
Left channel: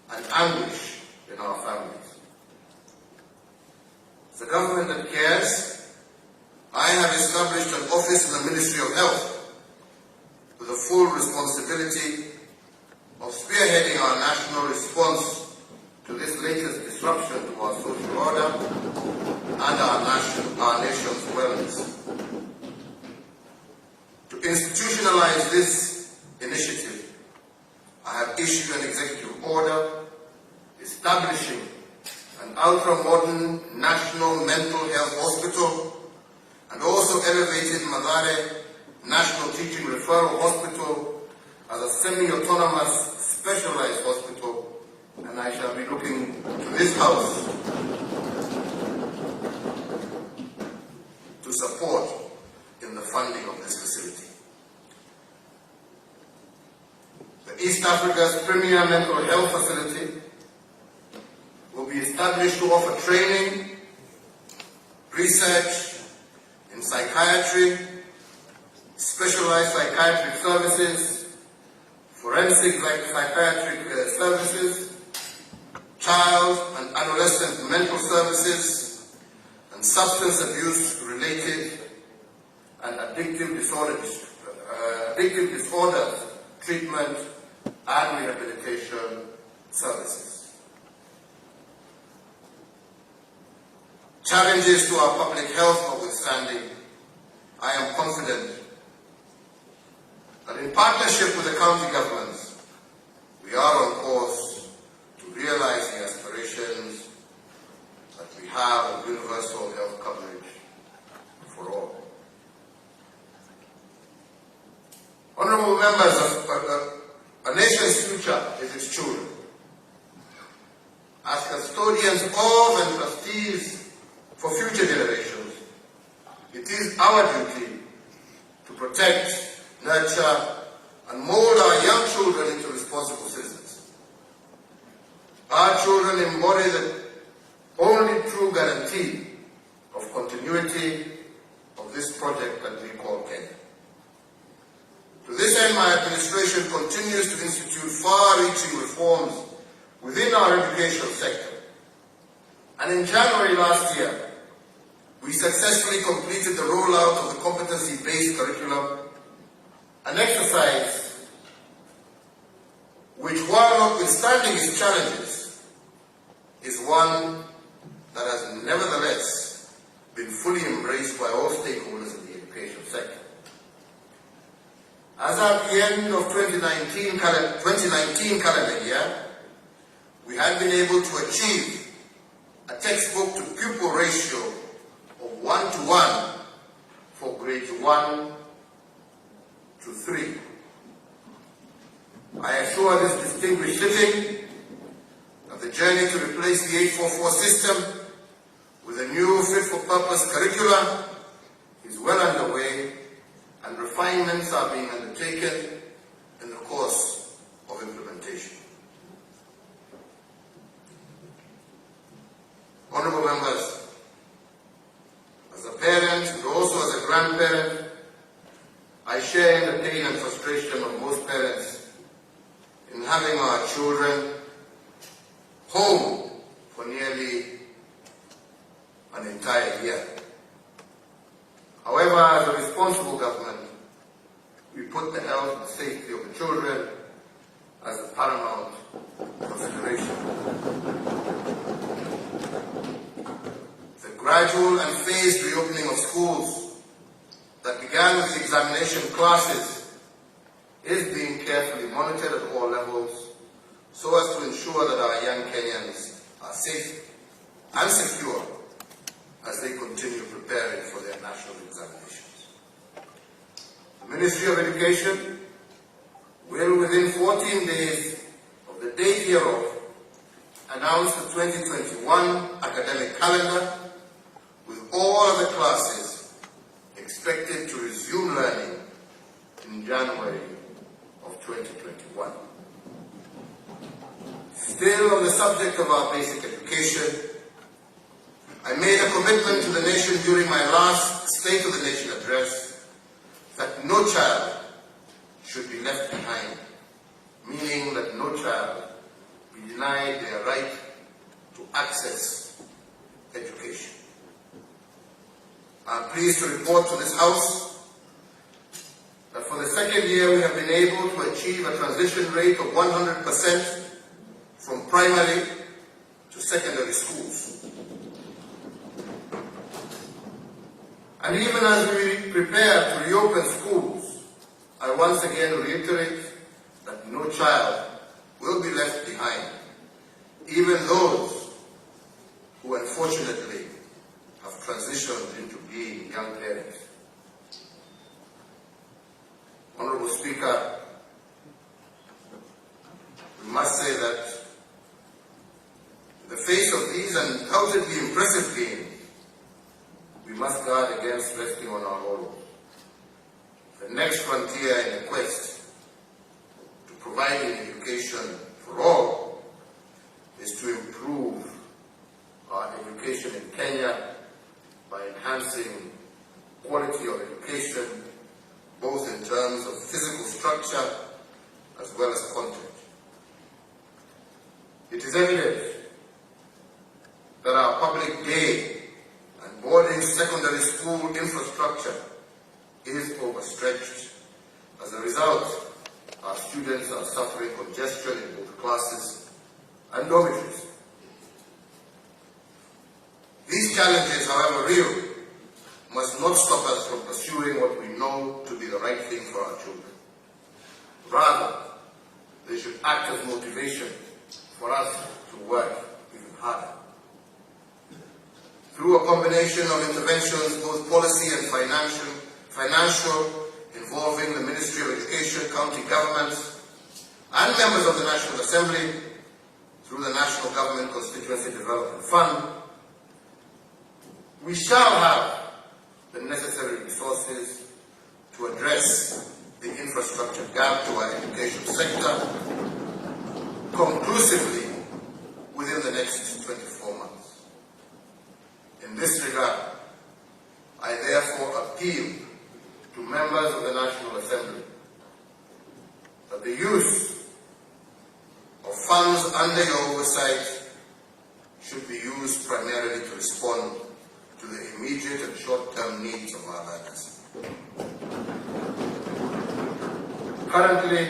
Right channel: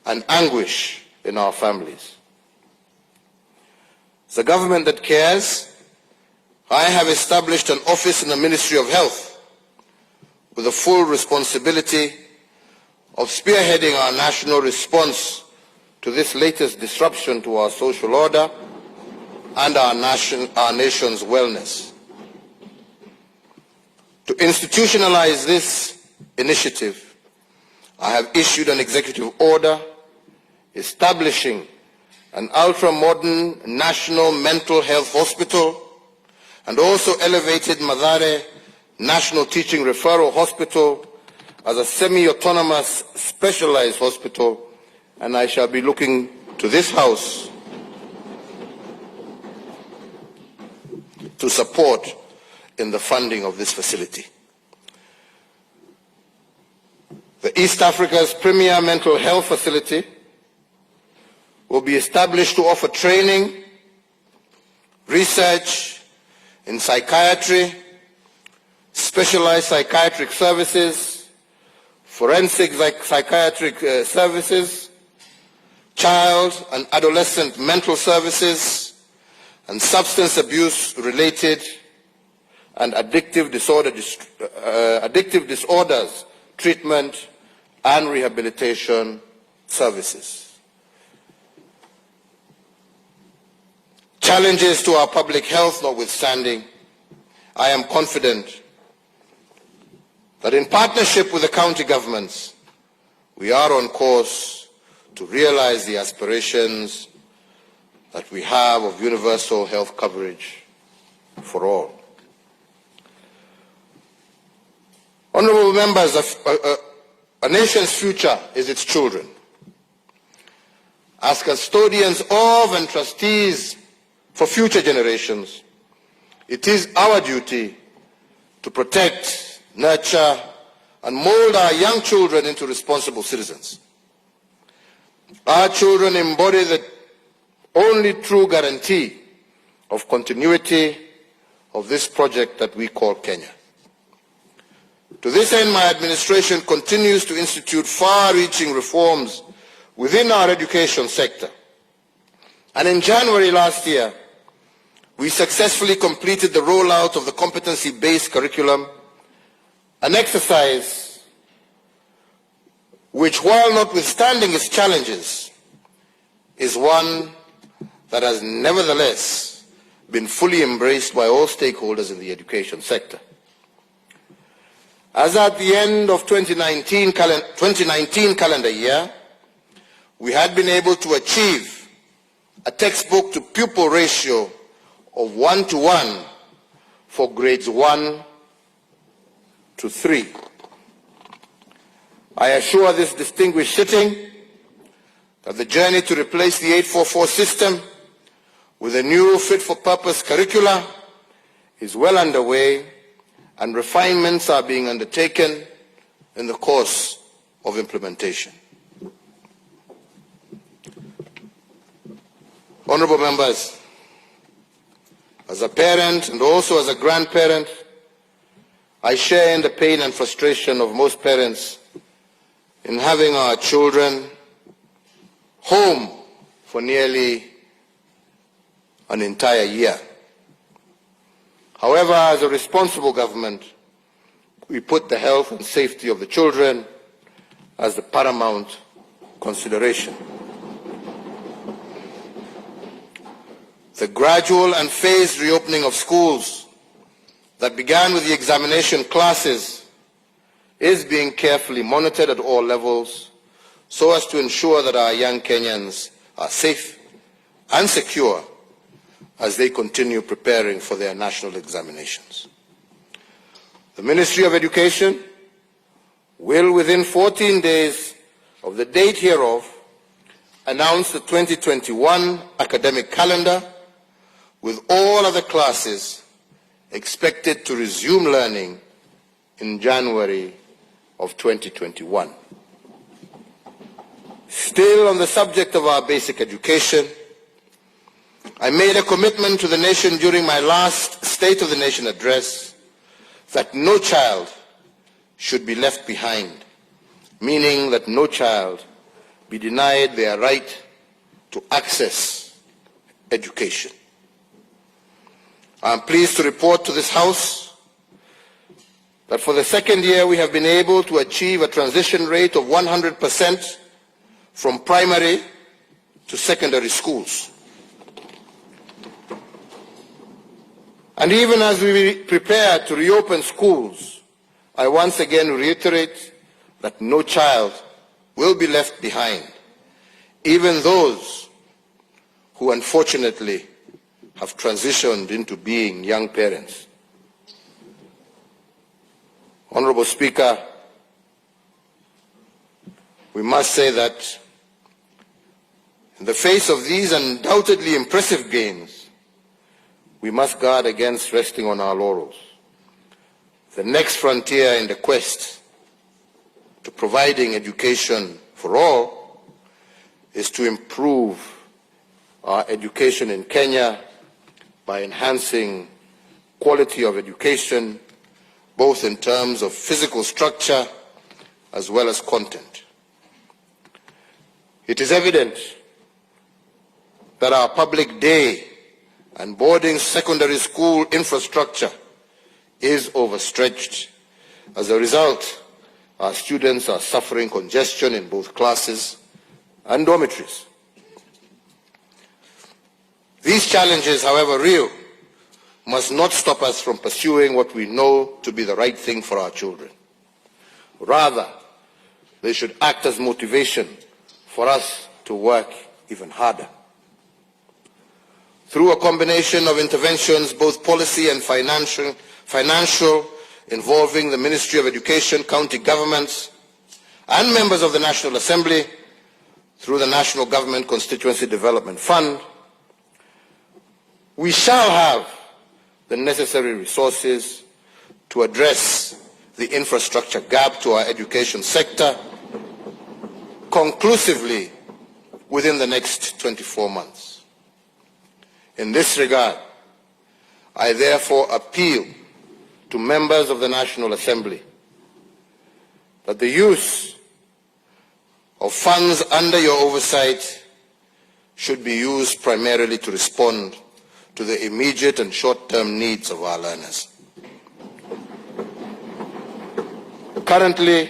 and anguish in our families. As a government that cares, I have established an office in the Ministry of Health with the full responsibility of spearheading our national response to this latest disruption to our social order and our nation's wellness. To institutionalize this initiative, I have issued an executive order establishing an ultra-modern national mental health hospital and also elevated Mathare National Teaching Referral Hospital as a semi-autonomous specialized hospital, and I shall be looking to this House to support in the funding of this facility. The East Africa's premier mental health facility will be established to offer training, research in psychiatry, specialized psychiatric services, forensic psychiatric services, child and adolescent mental services, and substance abuse related and addictive disorders treatment and rehabilitation services. Challenges to our public health notwithstanding, I am confident that in partnership with the county governments, we are on course to realize the aspirations that we have of universal health coverage for all. Honourable members, a nation's future is its children. As custodians of and trustees for future generations, it is our duty to protect, nurture, and mold our young children into responsible citizens. Our children embody the only true guarantee of continuity of this project that we call Kenya. To this end, my administration continues to institute far-reaching reforms within our education sector. And in January last year, we successfully completed the rollout of the competency-based curriculum, an exercise which, while notwithstanding its challenges, is one that has nevertheless been fully embraced by all stakeholders in the education sector. As at the end of 2019 calendar year, we had been able to achieve a textbook to pupil ratio of 1:1 for grades 1 to 3. I assure this distinguished sitting that the journey to replace the 844 system with a new fit-for-purpose curricula is well underway, and refinements are being undertaken in the course of implementation. Honorable members, as a parent and also as a grandparent, I share in the pain and frustration of most parents in having our children home for nearly an entire year. However, as a responsible government, we put the health and safety of the children as the paramount consideration. The gradual and phased reopening of schools that began with the examination classes is being carefully monitored at all levels so as to ensure that our young Kenyans are safe and secure as they continue preparing for their national examinations. The Ministry of Education will, within 14 days of the date hereof, announce the 2021 academic calendar, with all other classes expected to resume learning in January of 2021. Still on the subject of our basic education, I made a commitment to the nation during my last State of the Nation address that no child should be left behind, meaning that no child be denied their right to access education. I am pleased to report to this House that for the second year we have been able to achieve a transition rate of 100% from primary to secondary schools. And even as we prepare to reopen schools, I once again reiterate that no child will be left behind, even those who unfortunately have transitioned into being young parents. Honorable Speaker, we must say that in the face of these undoubtedly impressive gains, we must guard against resting on our laurels. The next frontier in the quest to providing education for all is to improve our education in Kenya by enhancing quality of education, both in terms of physical structure as well as content. It is evident that our public day and boarding secondary school infrastructure is overstretched. As a result, our students are suffering congestion in both classes and dormitories. These challenges, however real, must not stop us from pursuing what we know to be the right thing for our children. Rather, they should act as motivation for us to work even harder. Through a combination of interventions, both policy and financial, involving the Ministry of Education, county governments, and members of the National Assembly, through the National Government Constituency Development Fund, we shall have the necessary resources to address the infrastructure gap to our education sector conclusively within the next 24 months. In this regard, I therefore appeal to members of the National Assembly that the use of funds under your oversight should be used primarily to respond to the immediate and short-term needs of our learners. Currently,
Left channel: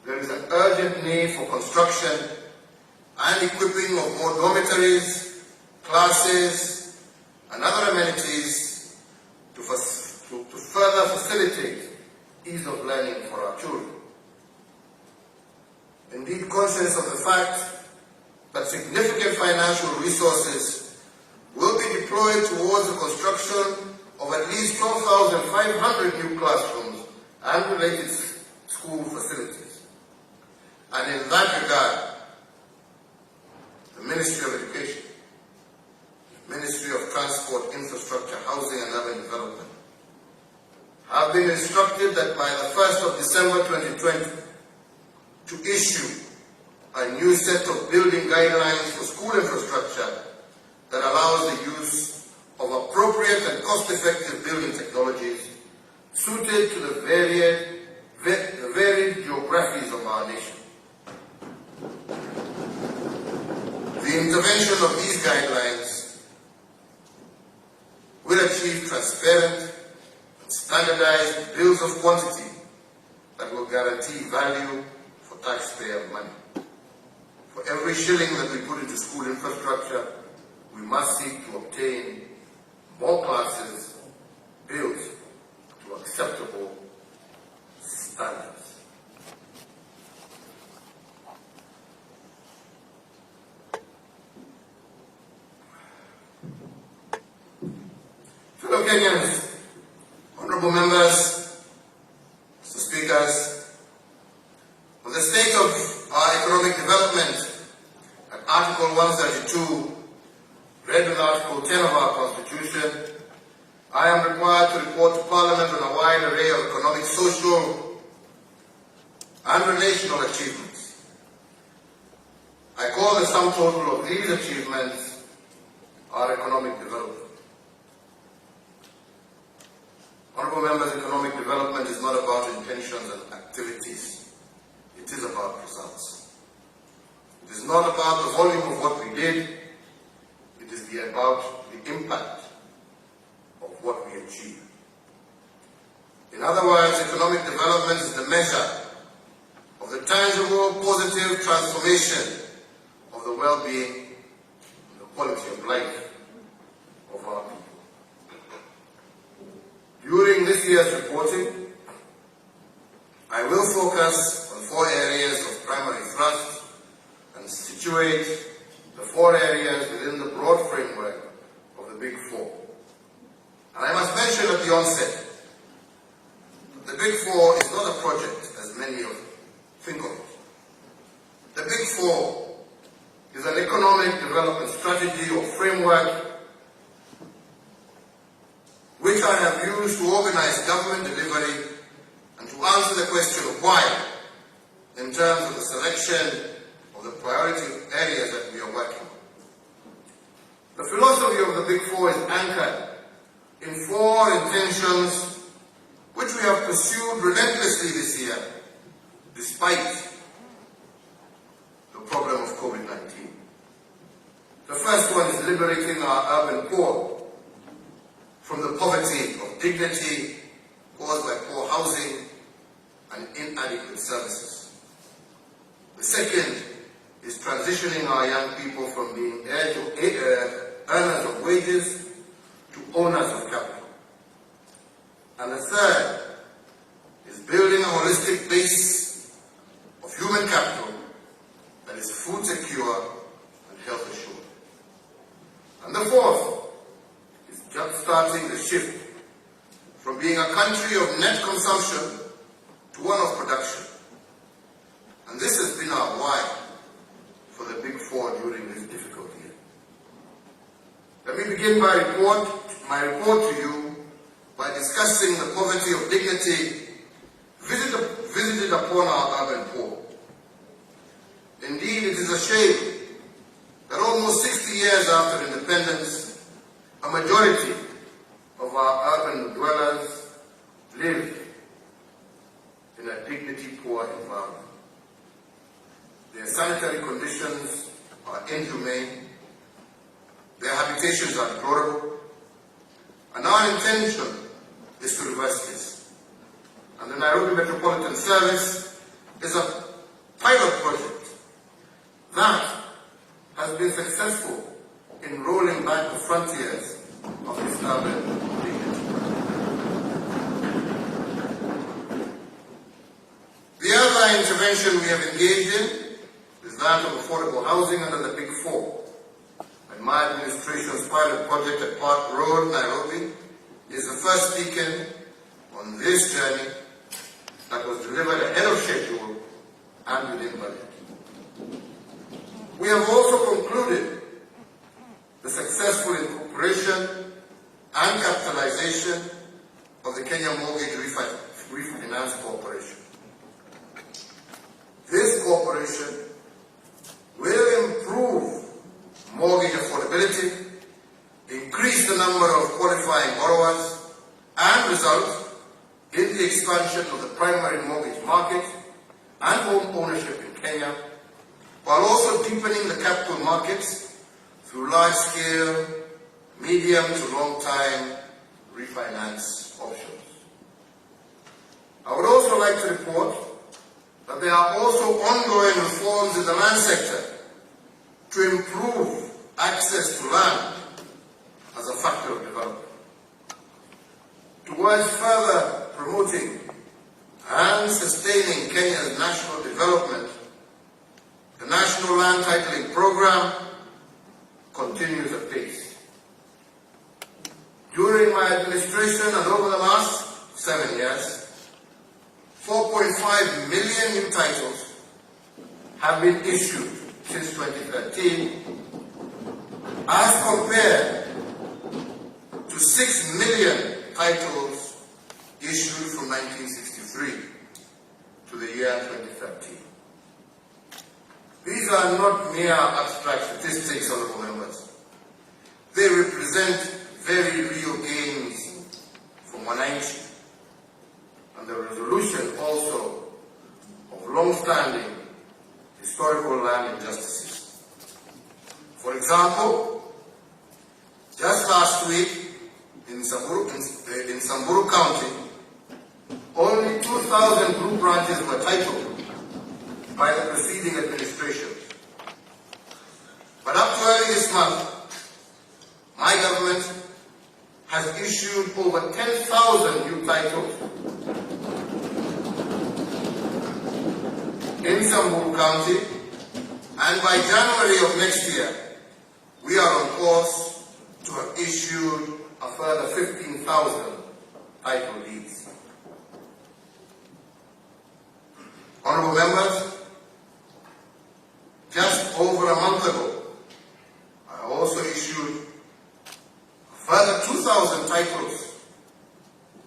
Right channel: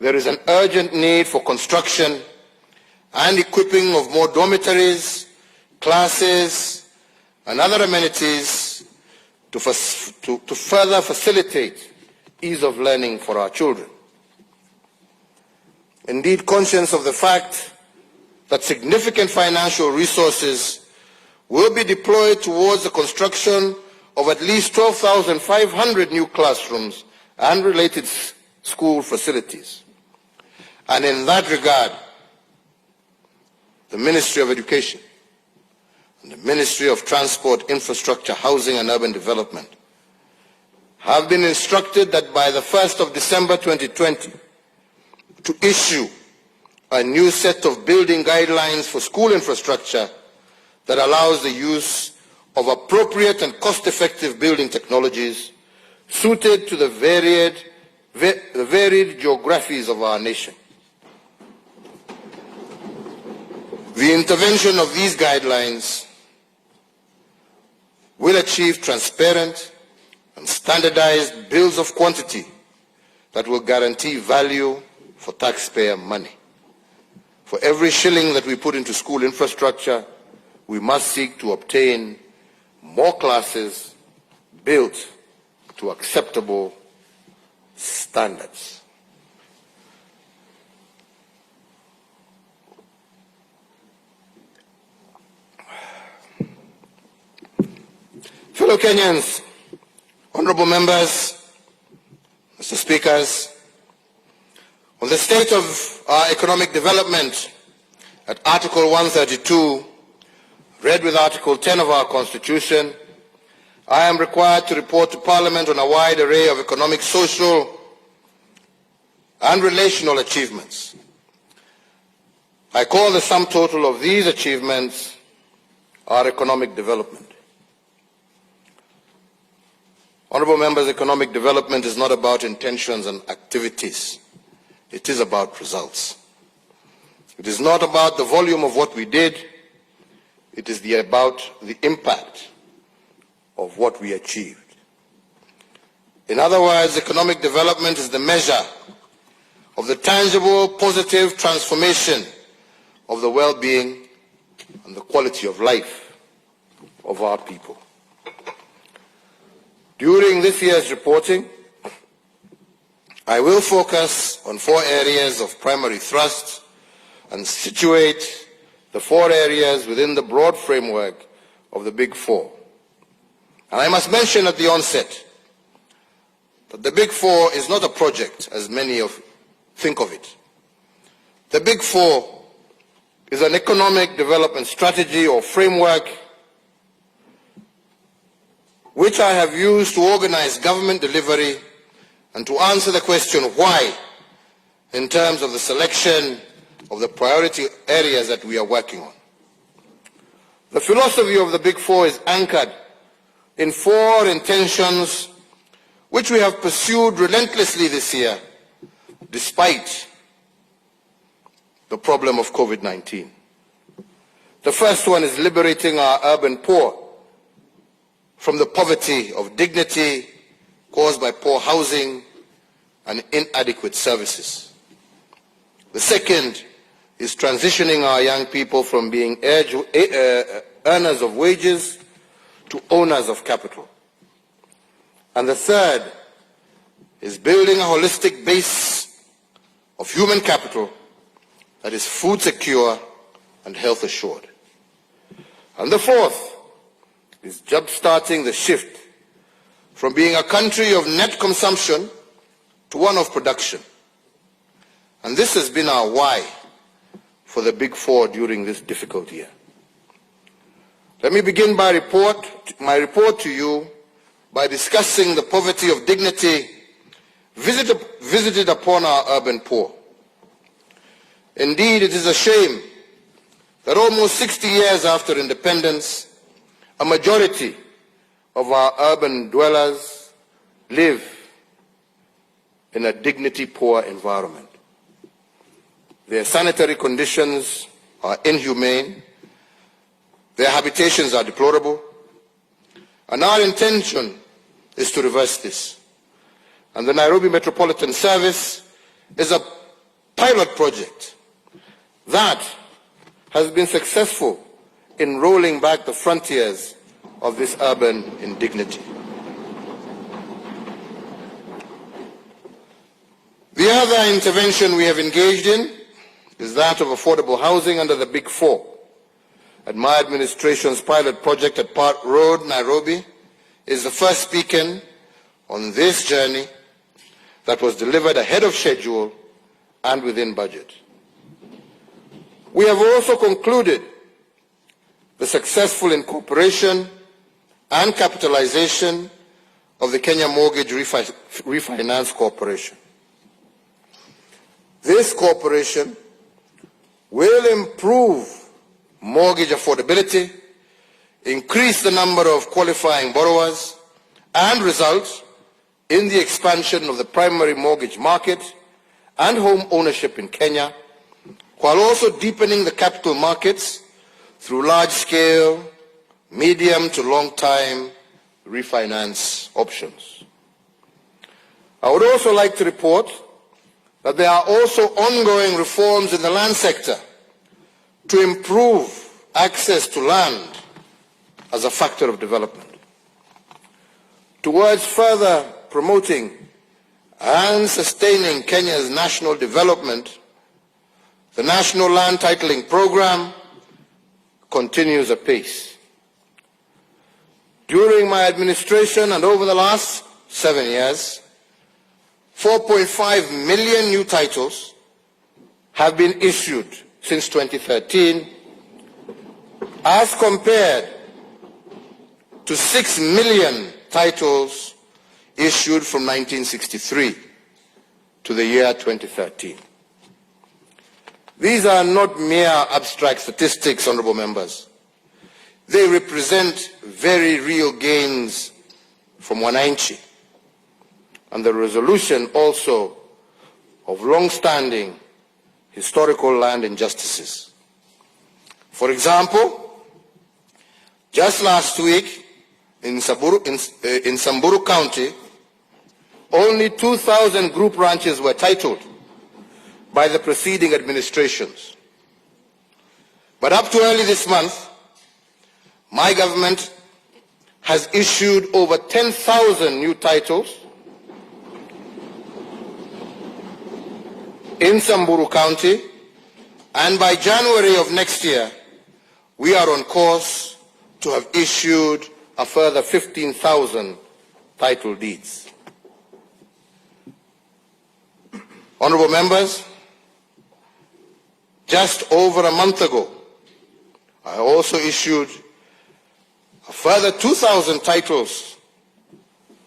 there is an urgent need for construction and equipping of more dormitories, classes, and other amenities to further facilitate ease of learning for our children. Indeed, conscious of the fact that significant financial resources will be deployed towards the construction of at least 12,500 new classrooms and related school facilities. And in that regard, the Ministry of Education and the Ministry of Transport, Infrastructure, Housing and Urban Development have been instructed that by the 1st of December 2020 to issue a new set of building guidelines for school infrastructure that allows the use of appropriate and cost-effective building technologies suited to the varied geographies of our nation. The intervention of these guidelines will achieve transparent and standardized bills of quantity that will guarantee value for taxpayer money. For every shilling that we put into school infrastructure, we must seek to obtain more classes built to acceptable standards. Fellow Kenyans, honorable members, Mr. Speakers, on the state of our economic development at Article 132, read with Article 10 of our Constitution, I am required to report to Parliament on a wide array of economic, social, and relational achievements. I call the sum total of these achievements our economic development. Honourable members, economic development is not about intentions and activities. It is about results. It is not about the volume of what we did. It is about the impact of what we achieved. In other words, economic development is the measure of the tangible, positive transformation of the well-being and the quality of life of our people. During this year's reporting, I will focus on 4 areas of primary thrust and situate the 4 areas within the broad framework of the Big Four. And I must mention at the onset that the Big Four is not a project as many think of it. The Big Four is an economic development strategy or framework which I have used to organize government delivery and to answer the question why in terms of the selection of the priority areas that we are working on. The philosophy of the Big Four is anchored in 4 intentions which we have pursued relentlessly this year despite the problem of COVID-19. The first one is liberating our urban poor from the poverty of dignity caused by poor housing and inadequate services. The second is transitioning our young people from being earners of wages to owners of capital. And the third is building a holistic base of human capital that is food secure and health assured. And the fourth is jump-starting the shift from being a country of net consumption to one of production. And this has been our why for the Big Four during this difficult year. Let me begin my report to you by discussing the poverty of dignity visited upon our urban poor. Indeed, it is a shame that almost 60 years after independence, a majority of our urban dwellers live in a dignity-poor environment. Their sanitary conditions are inhumane, their habitations are deplorable, and our intention is to reverse this. And the Nairobi Metropolitan Service is pilot project that has been successful in rolling back the frontiers of this urban indignity. The other intervention we have engaged in is that of affordable housing under the Big Four. And my administration's pilot project at Park Road, Nairobi, is the first beacon on this journey that was delivered ahead of schedule and within budget. We have also concluded the successful incorporation and capitalization of the Kenya Mortgage Refinance Corporation. This corporation will improve mortgage affordability, increase the number of qualifying borrowers, and result in the expansion of the primary mortgage market and home ownership in Kenya, while also deepening the capital markets through large-scale, medium to long-time refinance options. I would also like to report that there are also ongoing reforms in the land sector to improve access to land as a factor of development. Towards further promoting and sustaining Kenya's national development, the National Land Titling Program continues apace. During my administration and over the last 7 years, 4.5 million new titles have been issued since 2013, as compared to 6 million titles issued from 1963 to the year 2013. These are not mere abstract statistics, honorable members. They represent very real gains from wananchi and the resolution also of long-standing historical land injustices. For example, just last week in Samburu County, only 2,000 group ranches were titled by the preceding administrations. But up to early this month, my government has issued over 10,000 new titles in Samburu County, and by January of next year, we are on course to have issued a further 15,000 title deeds. Honorable members, just over a month ago, I also issued a further 2,000 titles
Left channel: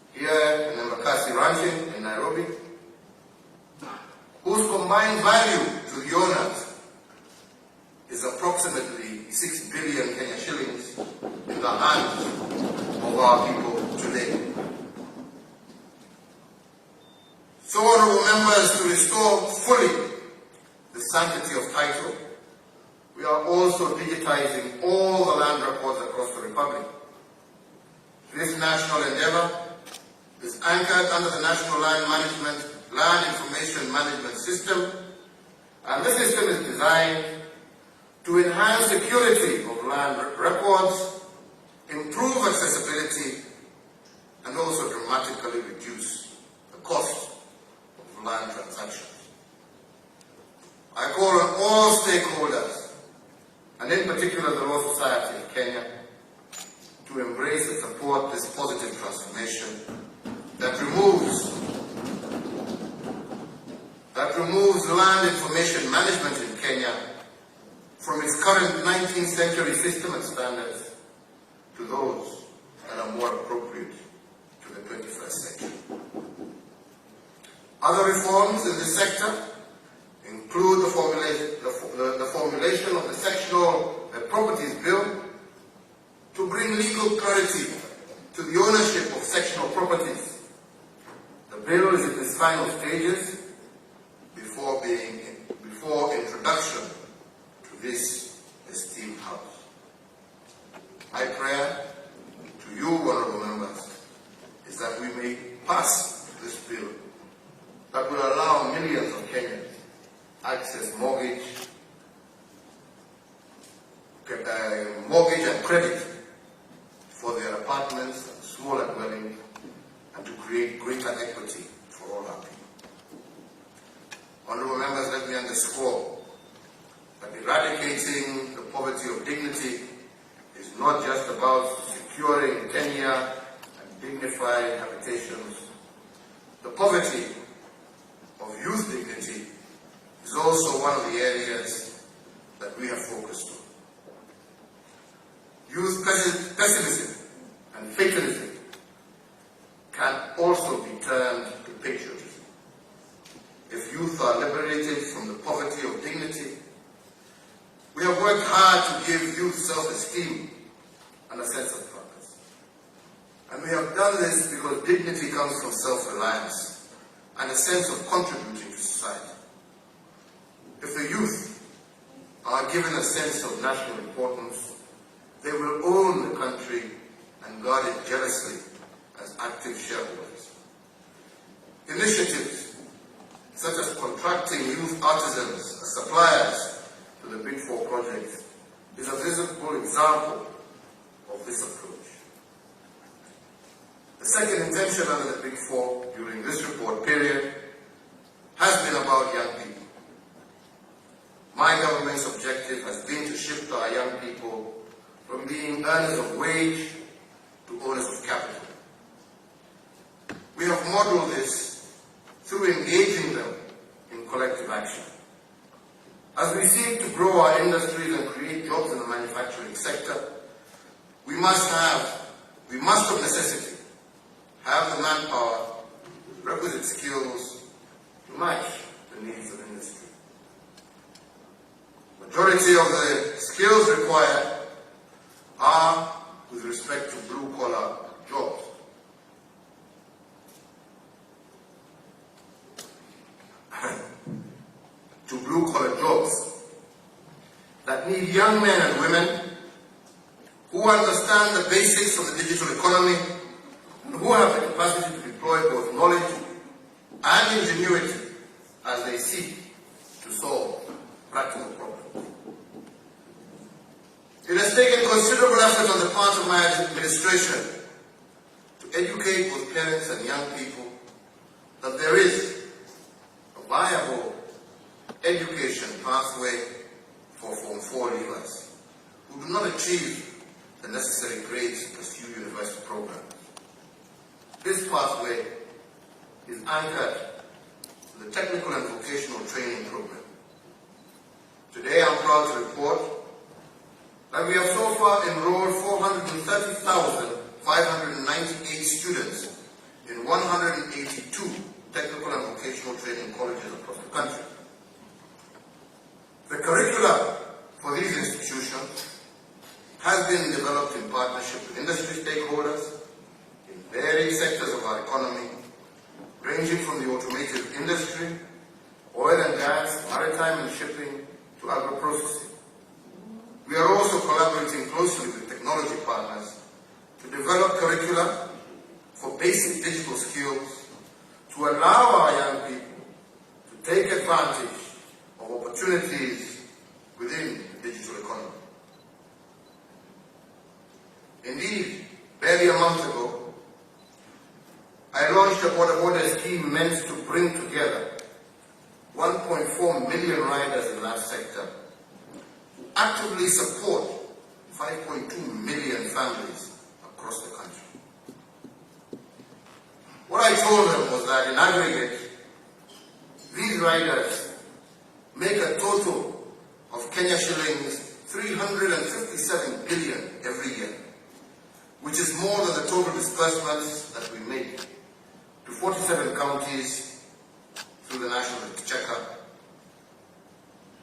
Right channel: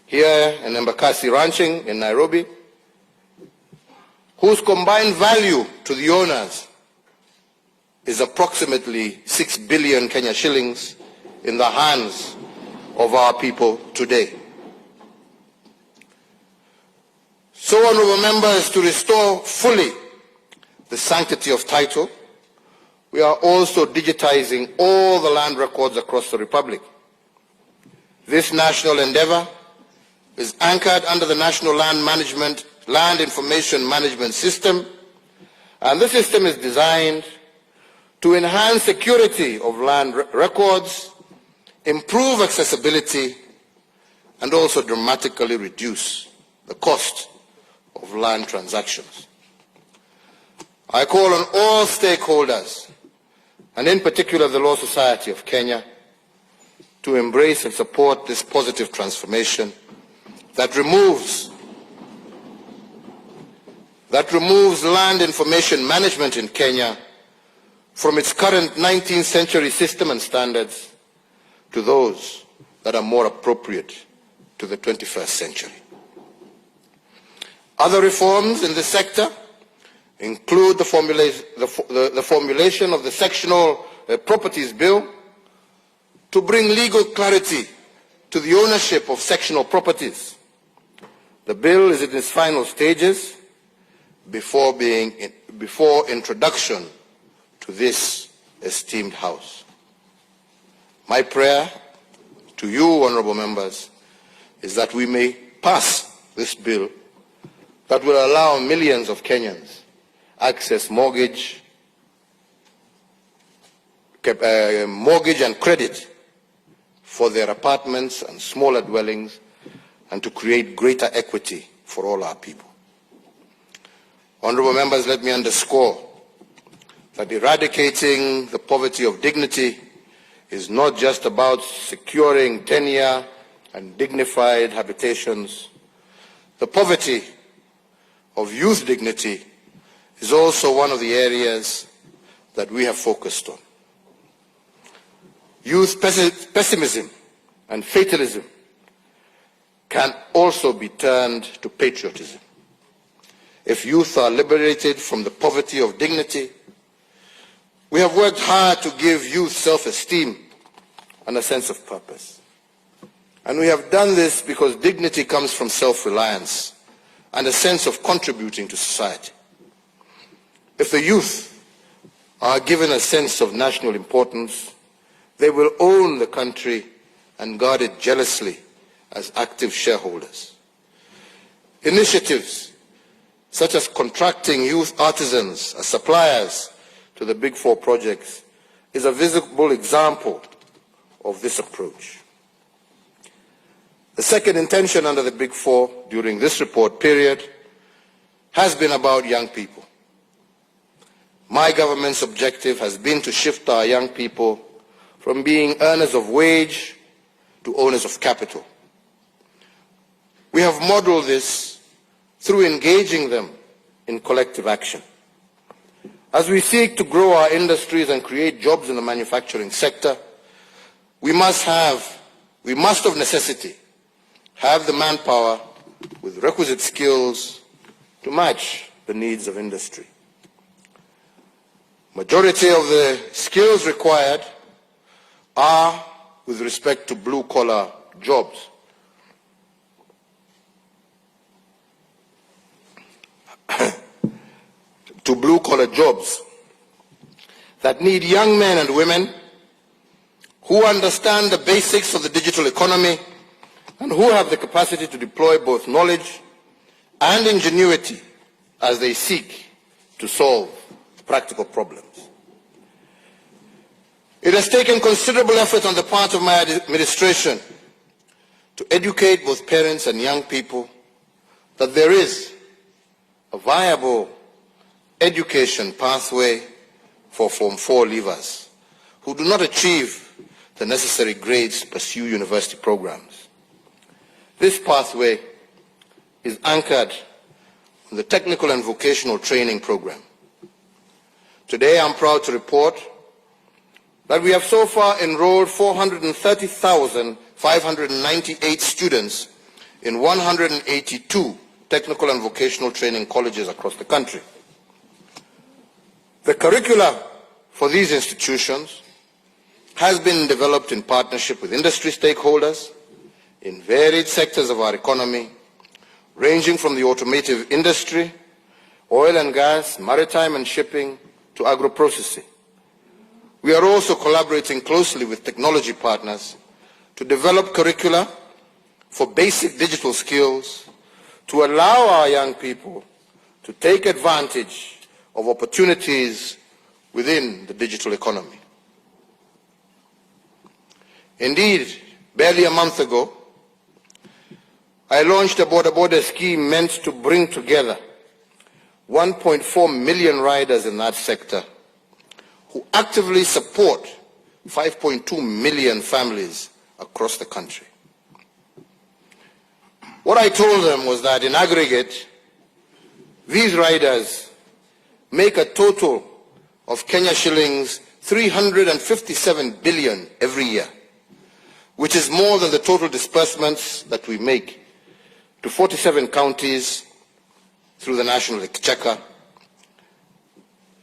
here in Embakasi Ranching in Nairobi, whose combined value to the owners is approximately 6 billion Kenya shillings in the hands of our people today. So, honorable members, to restore fully the sanctity of title, we are also digitizing all the land records across the Republic. This national endeavor is anchored under the National Land Information Management System, and the system is designed to enhance security of land records, improve accessibility, and also dramatically reduce the cost of land transactions. I call on all stakeholders, and in particular the Law Society of Kenya, to embrace and support this positive transformation that removes land information management in Kenya from its current 19th century system and standards to those that are more appropriate to the 21st century. Other reforms in this sector include the formulation of the Sectional Properties Bill to bring legal clarity to the ownership of sectional properties. The bill is in its final stages before introduction to this esteemed House. My prayer to you, honorable members, is that we may pass this bill that will allow millions of Kenyans access mortgage and credit for their apartments and smaller dwellings, and to create greater equity for all our people. Honorable members, let me underscore that eradicating the poverty of dignity is not just about securing tenure and dignified habitations. The poverty of youth dignity is also one of the areas that we have focused on. Youth pessimism and fatalism can also be turned to patriotism. If youth are liberated from the poverty of dignity, we have worked hard to give youth self-esteem and a sense of purpose. And we have done this because dignity comes from self-reliance and a sense of contributing to society. If the youth are given a sense of national importance, they will own the country and guard it jealously as active shareholders. Initiatives such as contracting youth artisans as suppliers to the Big Four projects is a visible example of this approach. The second intention under the Big Four during this report period has been about young people. My government's objective has been to shift our young people from being earners of wage to owners of capital. We have modeled this through engaging them in collective action. As we seek to grow our industries and create jobs in the manufacturing sector, we must of necessity have the manpower with requisite skills to match the needs of industry. Majority of the skills required are with respect to blue-collar jobs. To blue-collar jobs that need young men and women who understand the basics of the digital economy and who have the capacity to deploy both knowledge and ingenuity as they seek to solve practical problems. It has taken considerable effort on the part of my administration to educate both parents and young people that there is a viable education pathway for Form 4 leavers who do not achieve the necessary grades to pursue university programs. This pathway is anchored in the Technical and Vocational Training Program. Today I'm proud to report that we have so far enrolled 430,598 students in 182 technical and vocational training colleges across the country. The curricula for these institutions has been developed in partnership with industry stakeholders in varied sectors of our economy, ranging from the automotive industry, oil and gas, maritime and shipping, to agro-processing. We are also collaborating closely with technology partners to develop curricula for basic digital skills to allow our young people to take advantage of opportunities within the digital economy. Indeed, barely a month ago, I launched a border scheme meant to bring together 1.4 million riders in that sector who actively support 5.2 million families across the country. What I told them was that in aggregate, these riders make a total of Kenya shillings 357 billion every year, which is more than the total disbursements that we make to 47 counties through the National Exchequer,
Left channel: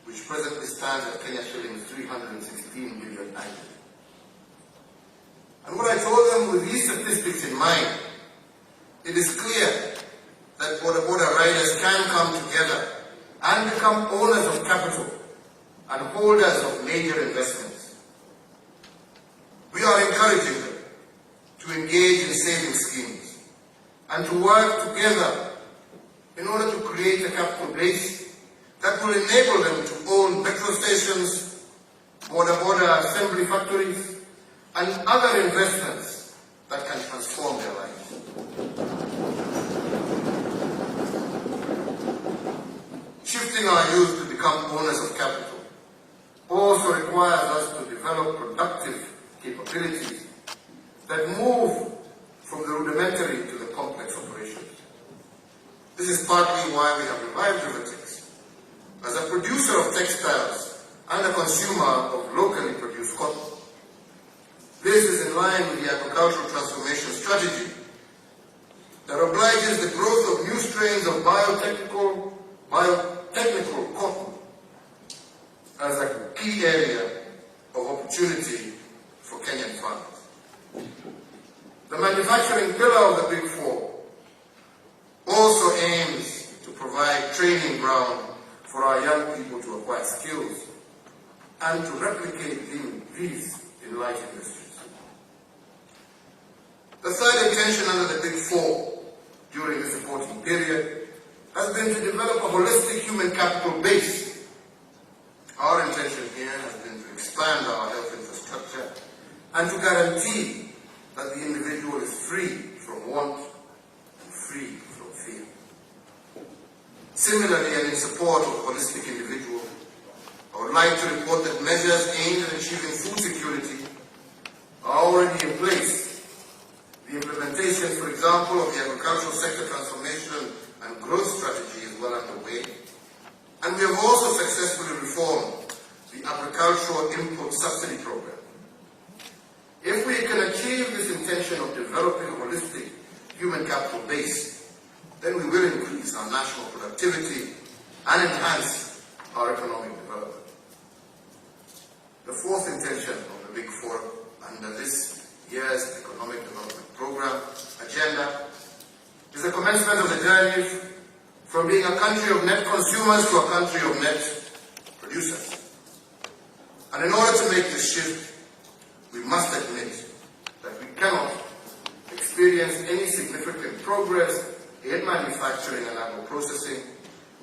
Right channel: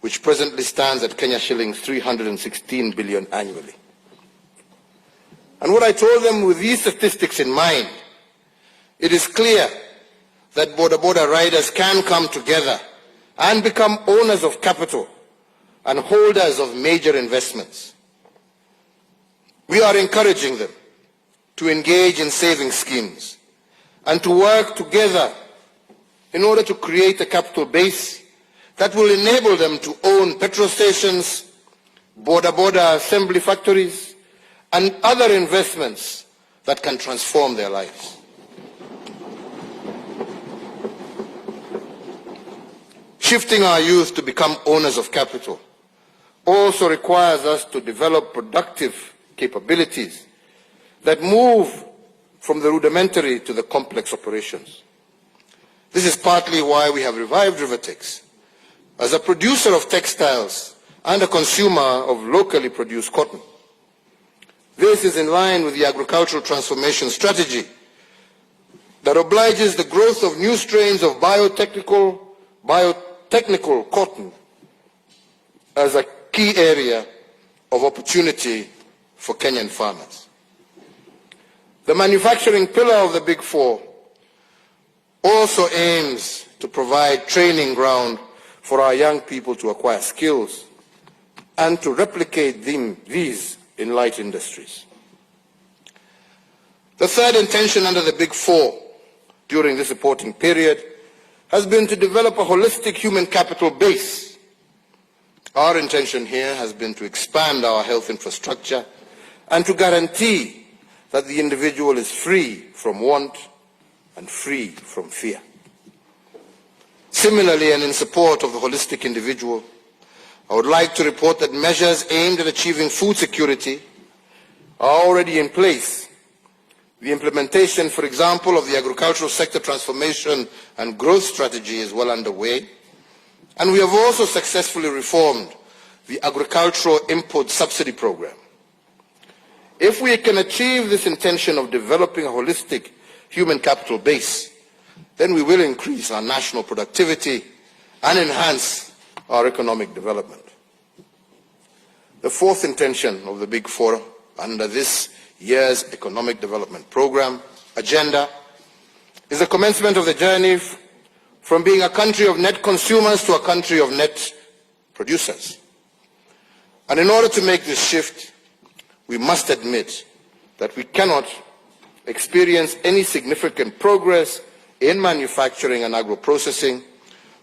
which presently stands at Kenya shillings 316 billion annually. And what I told them with these statistics in mind, it is clear that border riders can come together and become owners of capital and holders of major investments. We are encouraging them to engage in saving schemes and to work together in order to create a capital base that will enable them to own petrol stations, border assembly factories, and other investments that can transform their lives. Shifting our youth to become owners of capital also requires us to develop productive capabilities that move from the rudimentary to the complex operations. This is partly why we have revived Rivertex as a producer of textiles and a consumer of locally produced cotton. This is in line with the agricultural transformation strategy that obliges the growth of new strains of biotechnical cotton as a key area of opportunity for Kenyan farmers. The manufacturing pillar of the Big Four also aims to provide training ground for our young people to acquire skills and to replicate these in light industries. The third intention under the Big Four during this reporting period has been to develop a holistic human capital base. Our intention here has been to expand our health infrastructure and to guarantee that the individual is free from want and free from fear. Similarly, and in support of the holistic individual, I would like to report that measures aimed at achieving food security are already in place. The implementation, for example, of the agricultural sector transformation and growth strategy is well underway, and we have also successfully reformed the agricultural input subsidy program. If we can achieve this intention of developing a holistic human capital base, then we will increase our national productivity and enhance our economic development. The fourth intention of the Big Four under this year's economic development program agenda is the commencement of the journey from being a country of net consumers to a country of net producers. And in order to make this shift, we must admit that we cannot experience any significant progress in manufacturing and agro-processing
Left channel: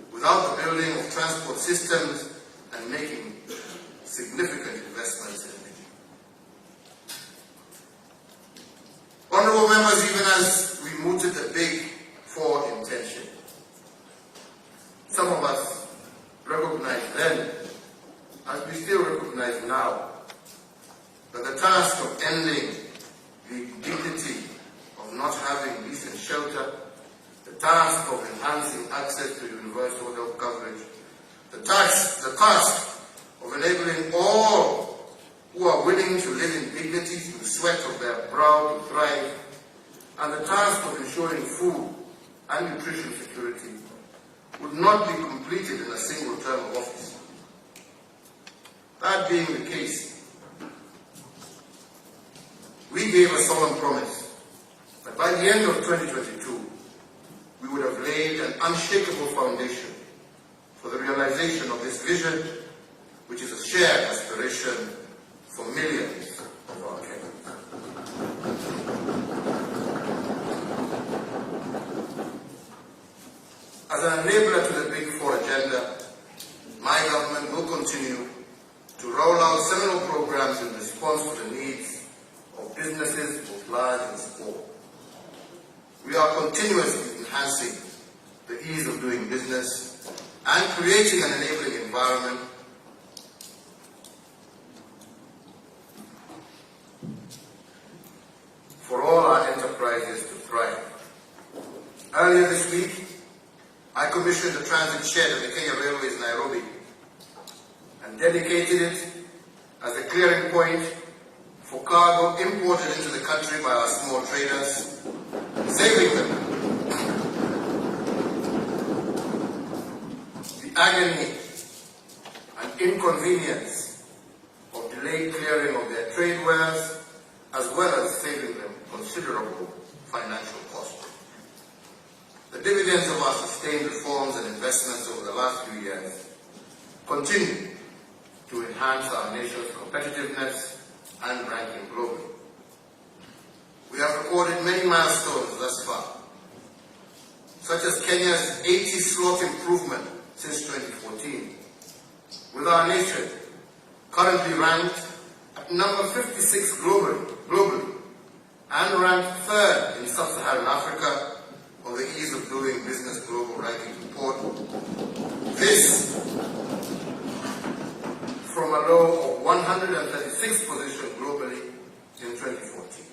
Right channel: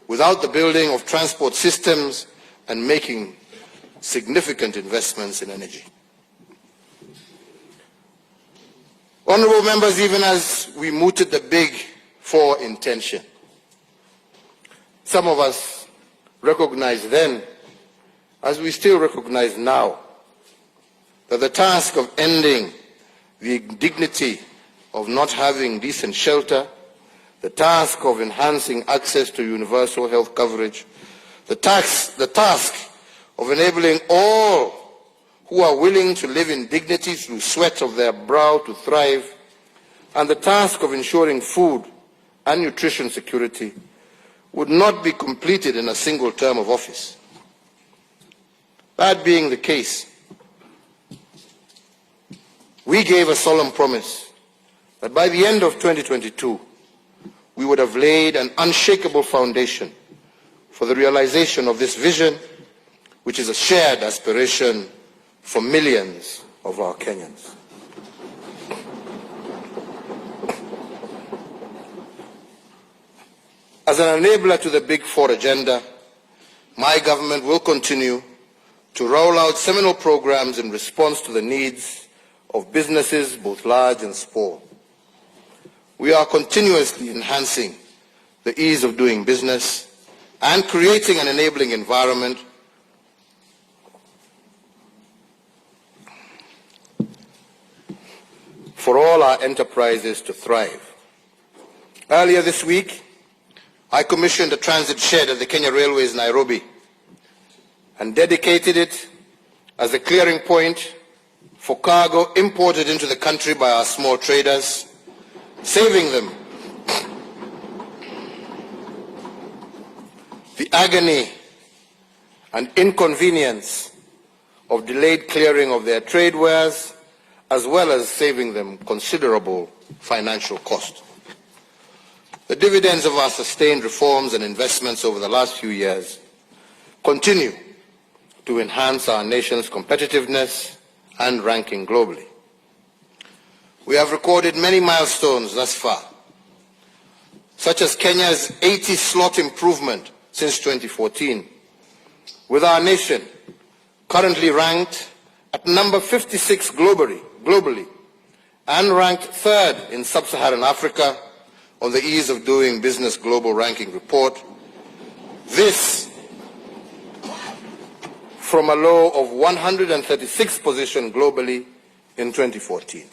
without the building of transport systems and making significant investments in energy. Honorable members, even as we mooted the Big Four intention, some of us recognized then, as we still recognize now, that the task of ending the indignity of not having decent shelter, the task of enhancing access to universal health coverage, the task of enabling all who are willing to live in dignity through sweat of their brow to thrive, and the task of ensuring food and nutrition security would not be completed in a single term of office. That being the case, we gave a solemn promise that by the end of 2022, we would have laid an unshakable foundation for the realization of this vision, which is a shared aspiration for millions of our Kenyans. As an enabler to the Big Four agenda, my government will continue to roll out seminal programs in response to the needs of businesses, both large and small. We are continuously enhancing the ease of doing business and creating an enabling environment for all our enterprises to thrive. Earlier this week, I commissioned a transit shed at the Kenya Railways, Nairobi, and dedicated it as a clearing point for cargo imported into the country by our small traders, saving them the agony and inconvenience of delayed clearing of their trade wares, as well as saving them considerable financial cost. The dividends of our sustained reforms and investments over the last few years continue to enhance our nation's competitiveness and ranking globally. We have recorded many milestones thus far, such as Kenya's 80 slot improvement since 2014, with our nation currently ranked at number 56 globally and ranked third in sub-Saharan Africa on the Ease of Doing Business Global Ranking Report. This from a low of 136th position globally in 2014.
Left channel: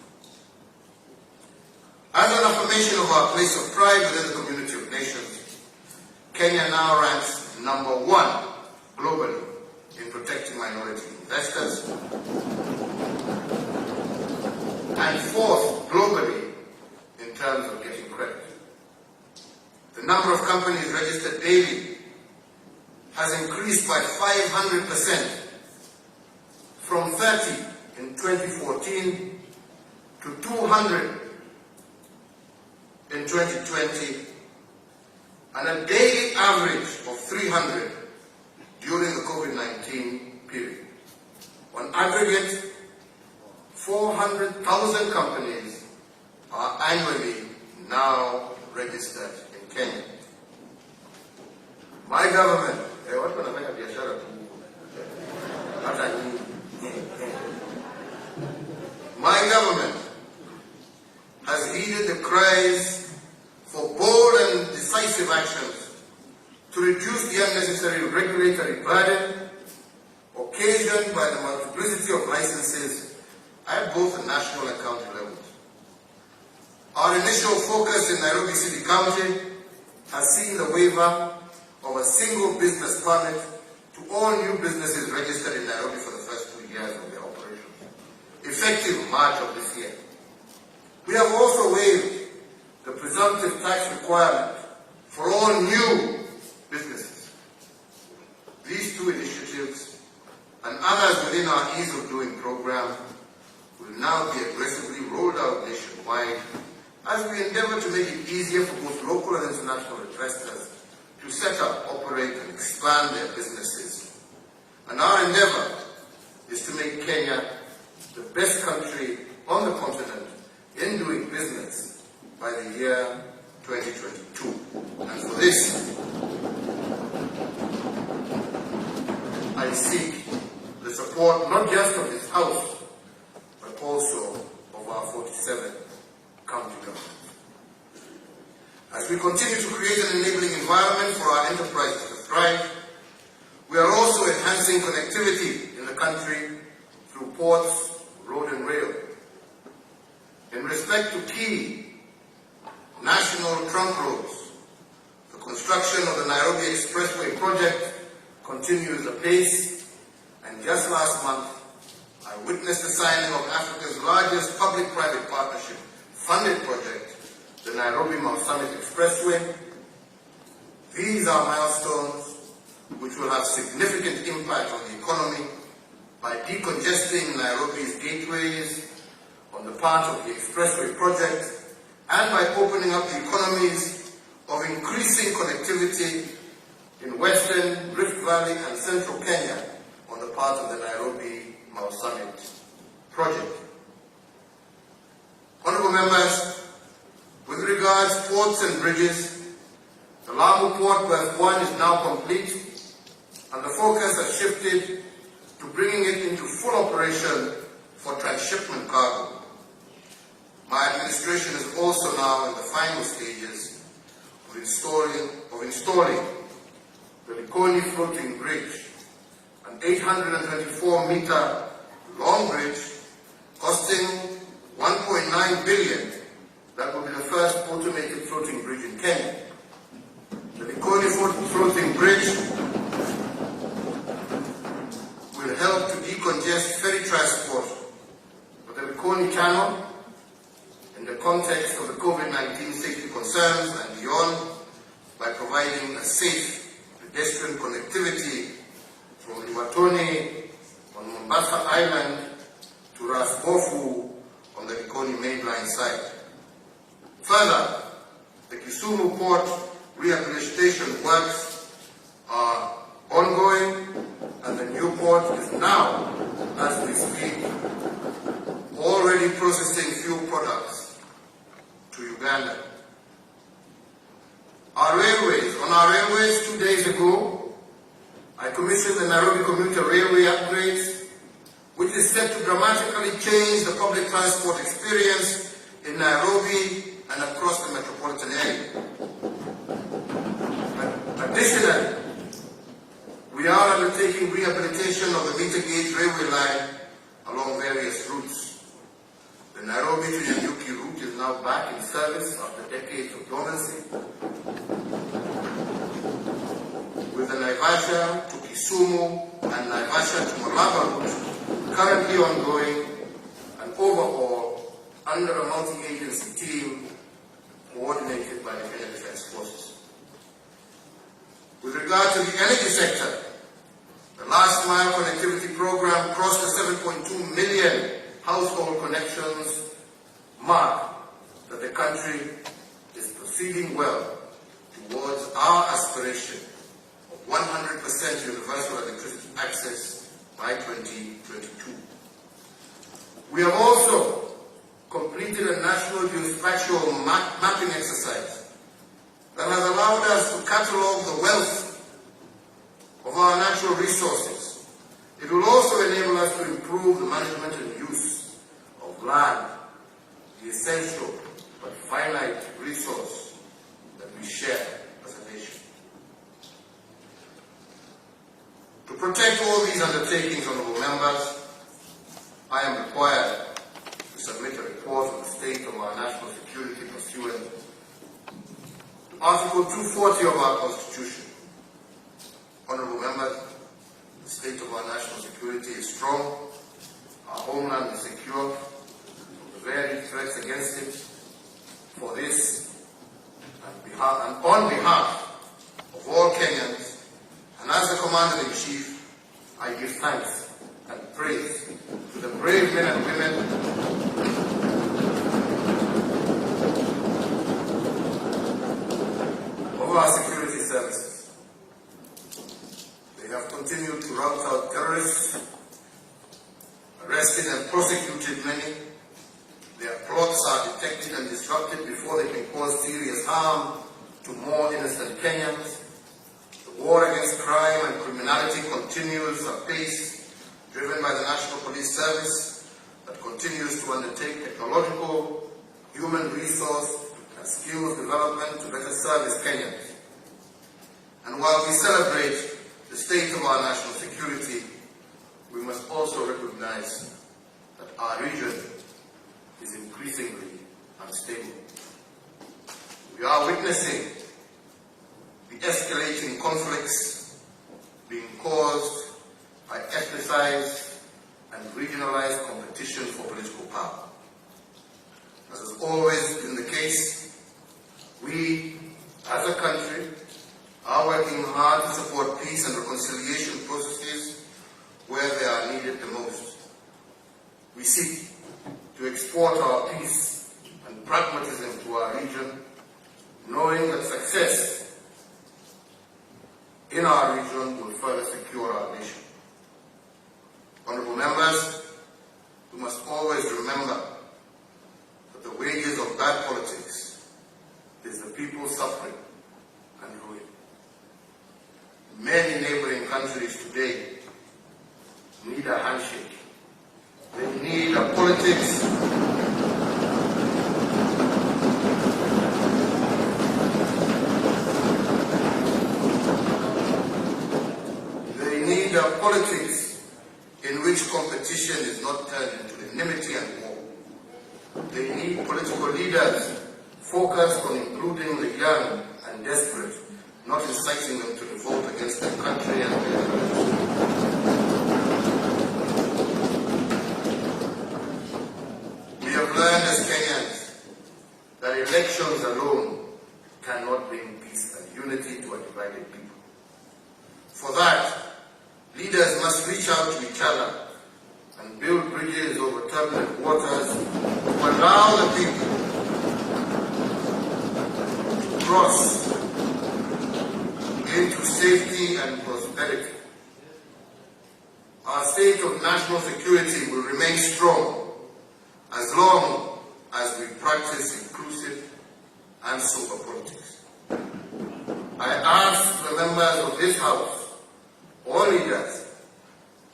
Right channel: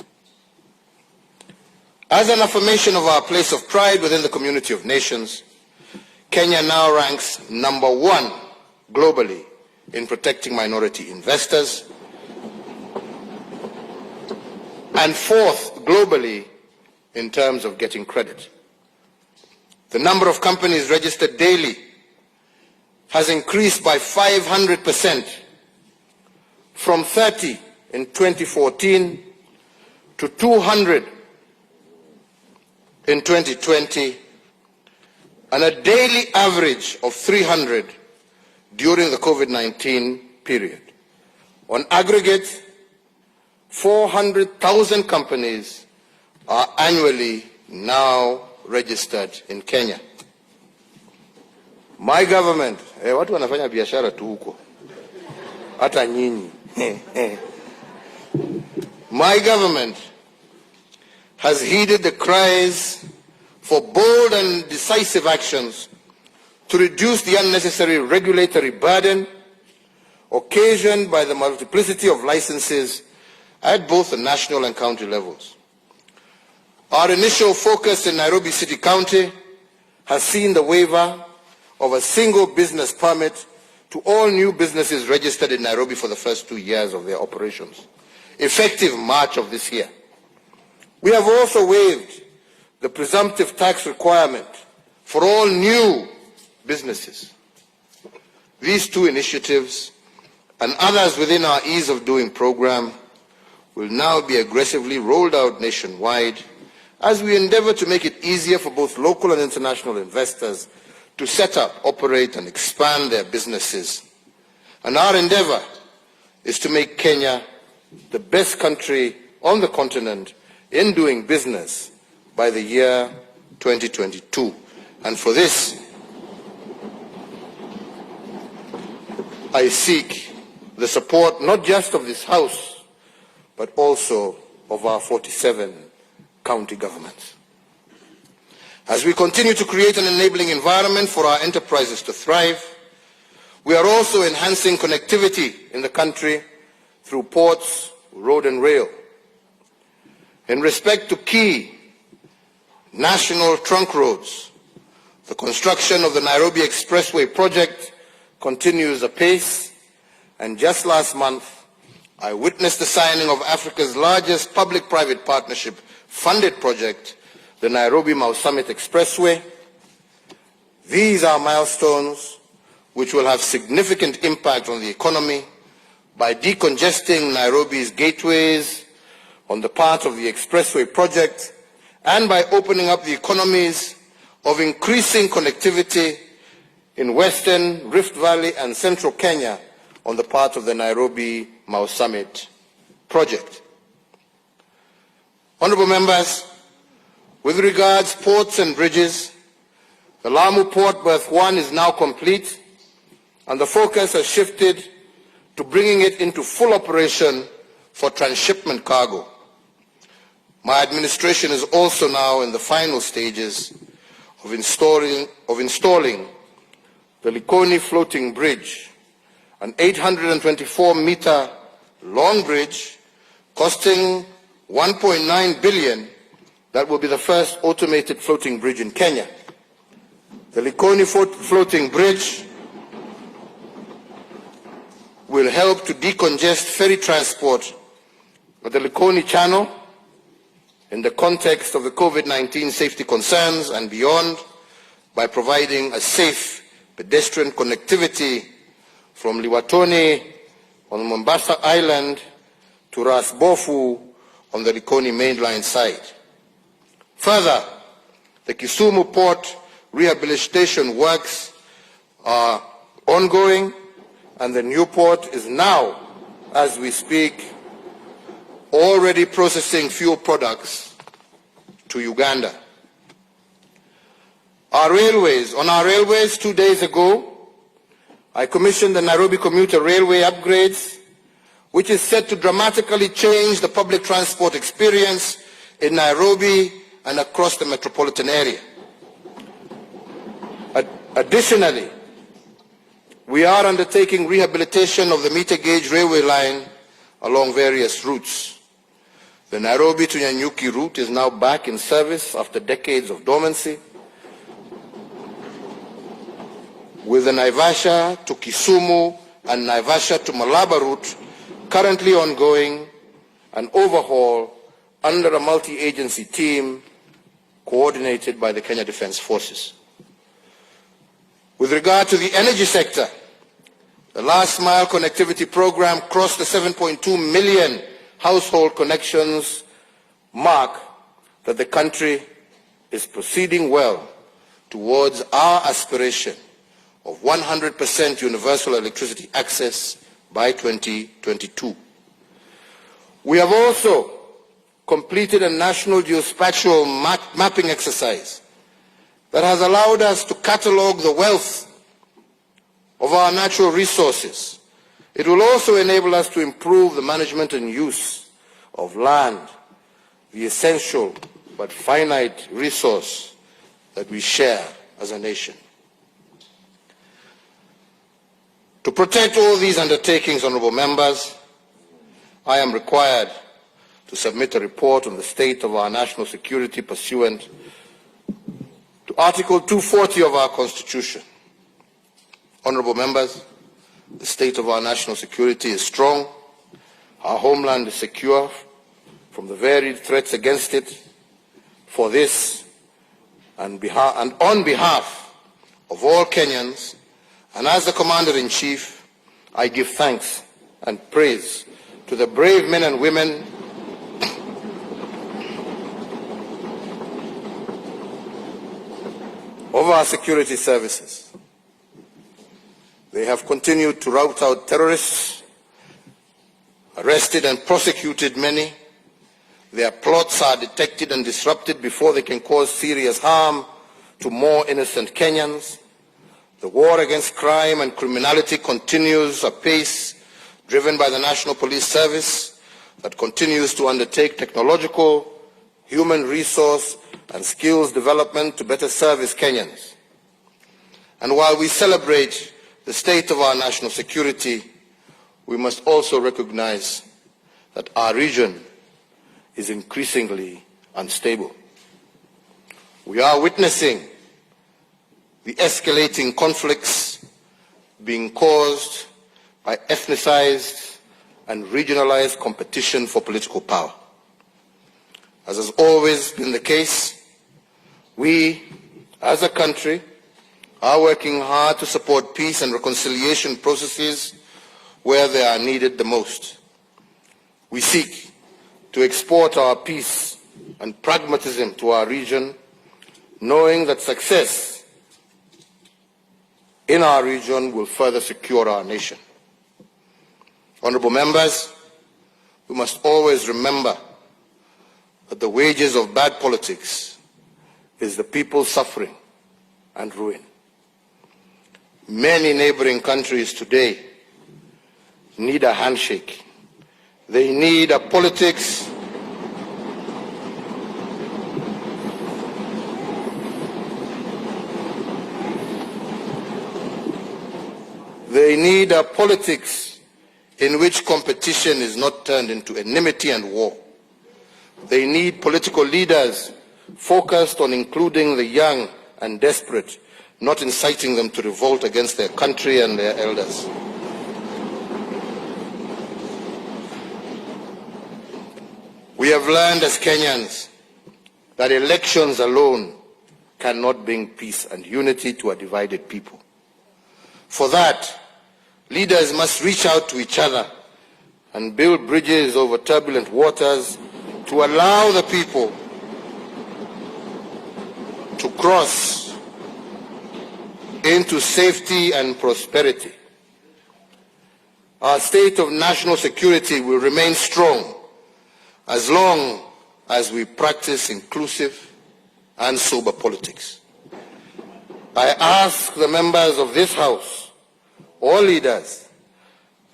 As an affirmation of our place of pride within the community of nations, Kenya now ranks number 1 globally in protecting minority investors and 4th globally in terms of getting credit. The number of companies registered daily has increased by 500% from 30 in 2014 to 200 in 2020, and a daily average of 300 during the COVID-19 period. On aggregate, 400,000 companies are annually now registered in Kenya. My government, watu wanafanya biashara tu huko, hata nyinyi. My government has heeded the cries for bold and decisive actions to reduce the unnecessary regulatory burden occasioned by the multiplicity of licenses at both the national and county levels. Our initial focus in Nairobi City County has seen the waiver of a single business permit to all new businesses registered in Nairobi for the first 2 years of their operations, effective March of this year. We have also waived the presumptive tax requirement for all new businesses. These 2 initiatives and others within our Ease of Doing program will now be aggressively rolled out nationwide as we endeavor to make it easier for both local and international investors to set up, operate, and expand their businesses. And our endeavor is to make Kenya the best country on the continent in doing business by the year 2022. And for this, I seek the support not just of this House, but also of our 47 county governments. As we continue to create an enabling environment for our enterprises to thrive, we are also enhancing connectivity in the country through ports, road and rail. In respect to key national trunk roads, the construction of the Nairobi Expressway project continues apace, and just last month, I witnessed the signing of Africa's largest public-private partnership funded project, the Nairobi-Mau Summit Expressway. These are milestones which will have significant impact on the economy by decongesting Nairobi's gateways on the part of the expressway project and by opening up the economies of increasing connectivity in Western, Rift Valley and Central Kenya on the part of the Nairobi-Mau Summit project. Honorable members, with regards to ports and bridges, the Lamu Port Berth 1 is now complete, and the focus has shifted to bringing it into full operation for transshipment cargo. My administration is also now in the final stages of installing the Likoni Floating Bridge, an 824-meter long bridge costing 1.9 billion that will be the first automated floating bridge in Kenya. The Likoni Floating Bridge will help to decongest ferry transport of the Likoni Channel in the context of the COVID-19 safety concerns and beyond by providing a safe pedestrian connectivity from Liwatoni on Mombasa Island to Ras Bofu on the Likoni mainline site. Further, the Kisumu Port rehabilitation works are ongoing, and the new port is now, as we speak, already processing fuel products to Uganda. Our On our railways 2 days ago, I commissioned the Nairobi commuter railway upgrades, which is set to dramatically change the public transport experience in Nairobi and across the metropolitan area. Additionally, we are undertaking rehabilitation of the meter gauge railway line along various routes. The Nairobi to Nyanyuki route is now back in service after decades of dormancy, with the Naivasha to Kisumu and Naivasha to Malaba route currently ongoing, an overhaul under a multi-agency team coordinated by the Kenya Defence Forces. With regard to the energy sector, the last mile connectivity program crossed the 7.2 million household connections mark that the country is proceeding well towards our aspiration of 100% universal electricity access by 2022. We have also completed a national geospatial mapping exercise that has allowed us to catalogue the wealth of our natural resources. It will also enable us to improve the management and use of land, the essential but finite resource that we share as a nation. To protect all these undertakings, honourable members, I am required to submit a report on the state of our national security pursuant to Article 240 of our Constitution. Honourable members, the state of our national security is strong. Our homeland is secure from the varied threats against it. For this, and on behalf of all Kenyans, and as the Commander-in-Chief, I give thanks and praise to the brave men and women of our security services. They have continued to rout out terrorists, arrested and prosecuted many. Their plots are detected and disrupted before they can cause serious harm to more innocent Kenyans. The war against crime and criminality continues apace, driven by the National Police Service that continues to undertake technological, human resource and skills development to better service Kenyans. And while we celebrate the state of our national security, we must also recognize that our region is increasingly unstable. We are witnessing the escalating conflicts being caused by ethnicized and regionalized competition for political power. As has always been the case, we, as a country, are working hard to support peace and reconciliation processes where they are needed the most. We seek to export our peace and pragmatism to our region, knowing that success in our region will further secure our nation. Honourable members, we must always remember that the wages of bad politics is the people's suffering and ruin. Many neighbouring countries today need a handshake. They need a politics in which competition is not turned into enmity and war. They need political leaders focused on including the young and desperate, not inciting them to revolt against their country and their elders. We have learned as Kenyans that elections alone cannot bring peace and unity to a divided people. For that, leaders must reach out to each other and build bridges over turbulent waters to allow the people to cross into safety and prosperity. Our state of national security will remain strong as long as we practice inclusive and sober politics. I ask the members of this House, all leaders,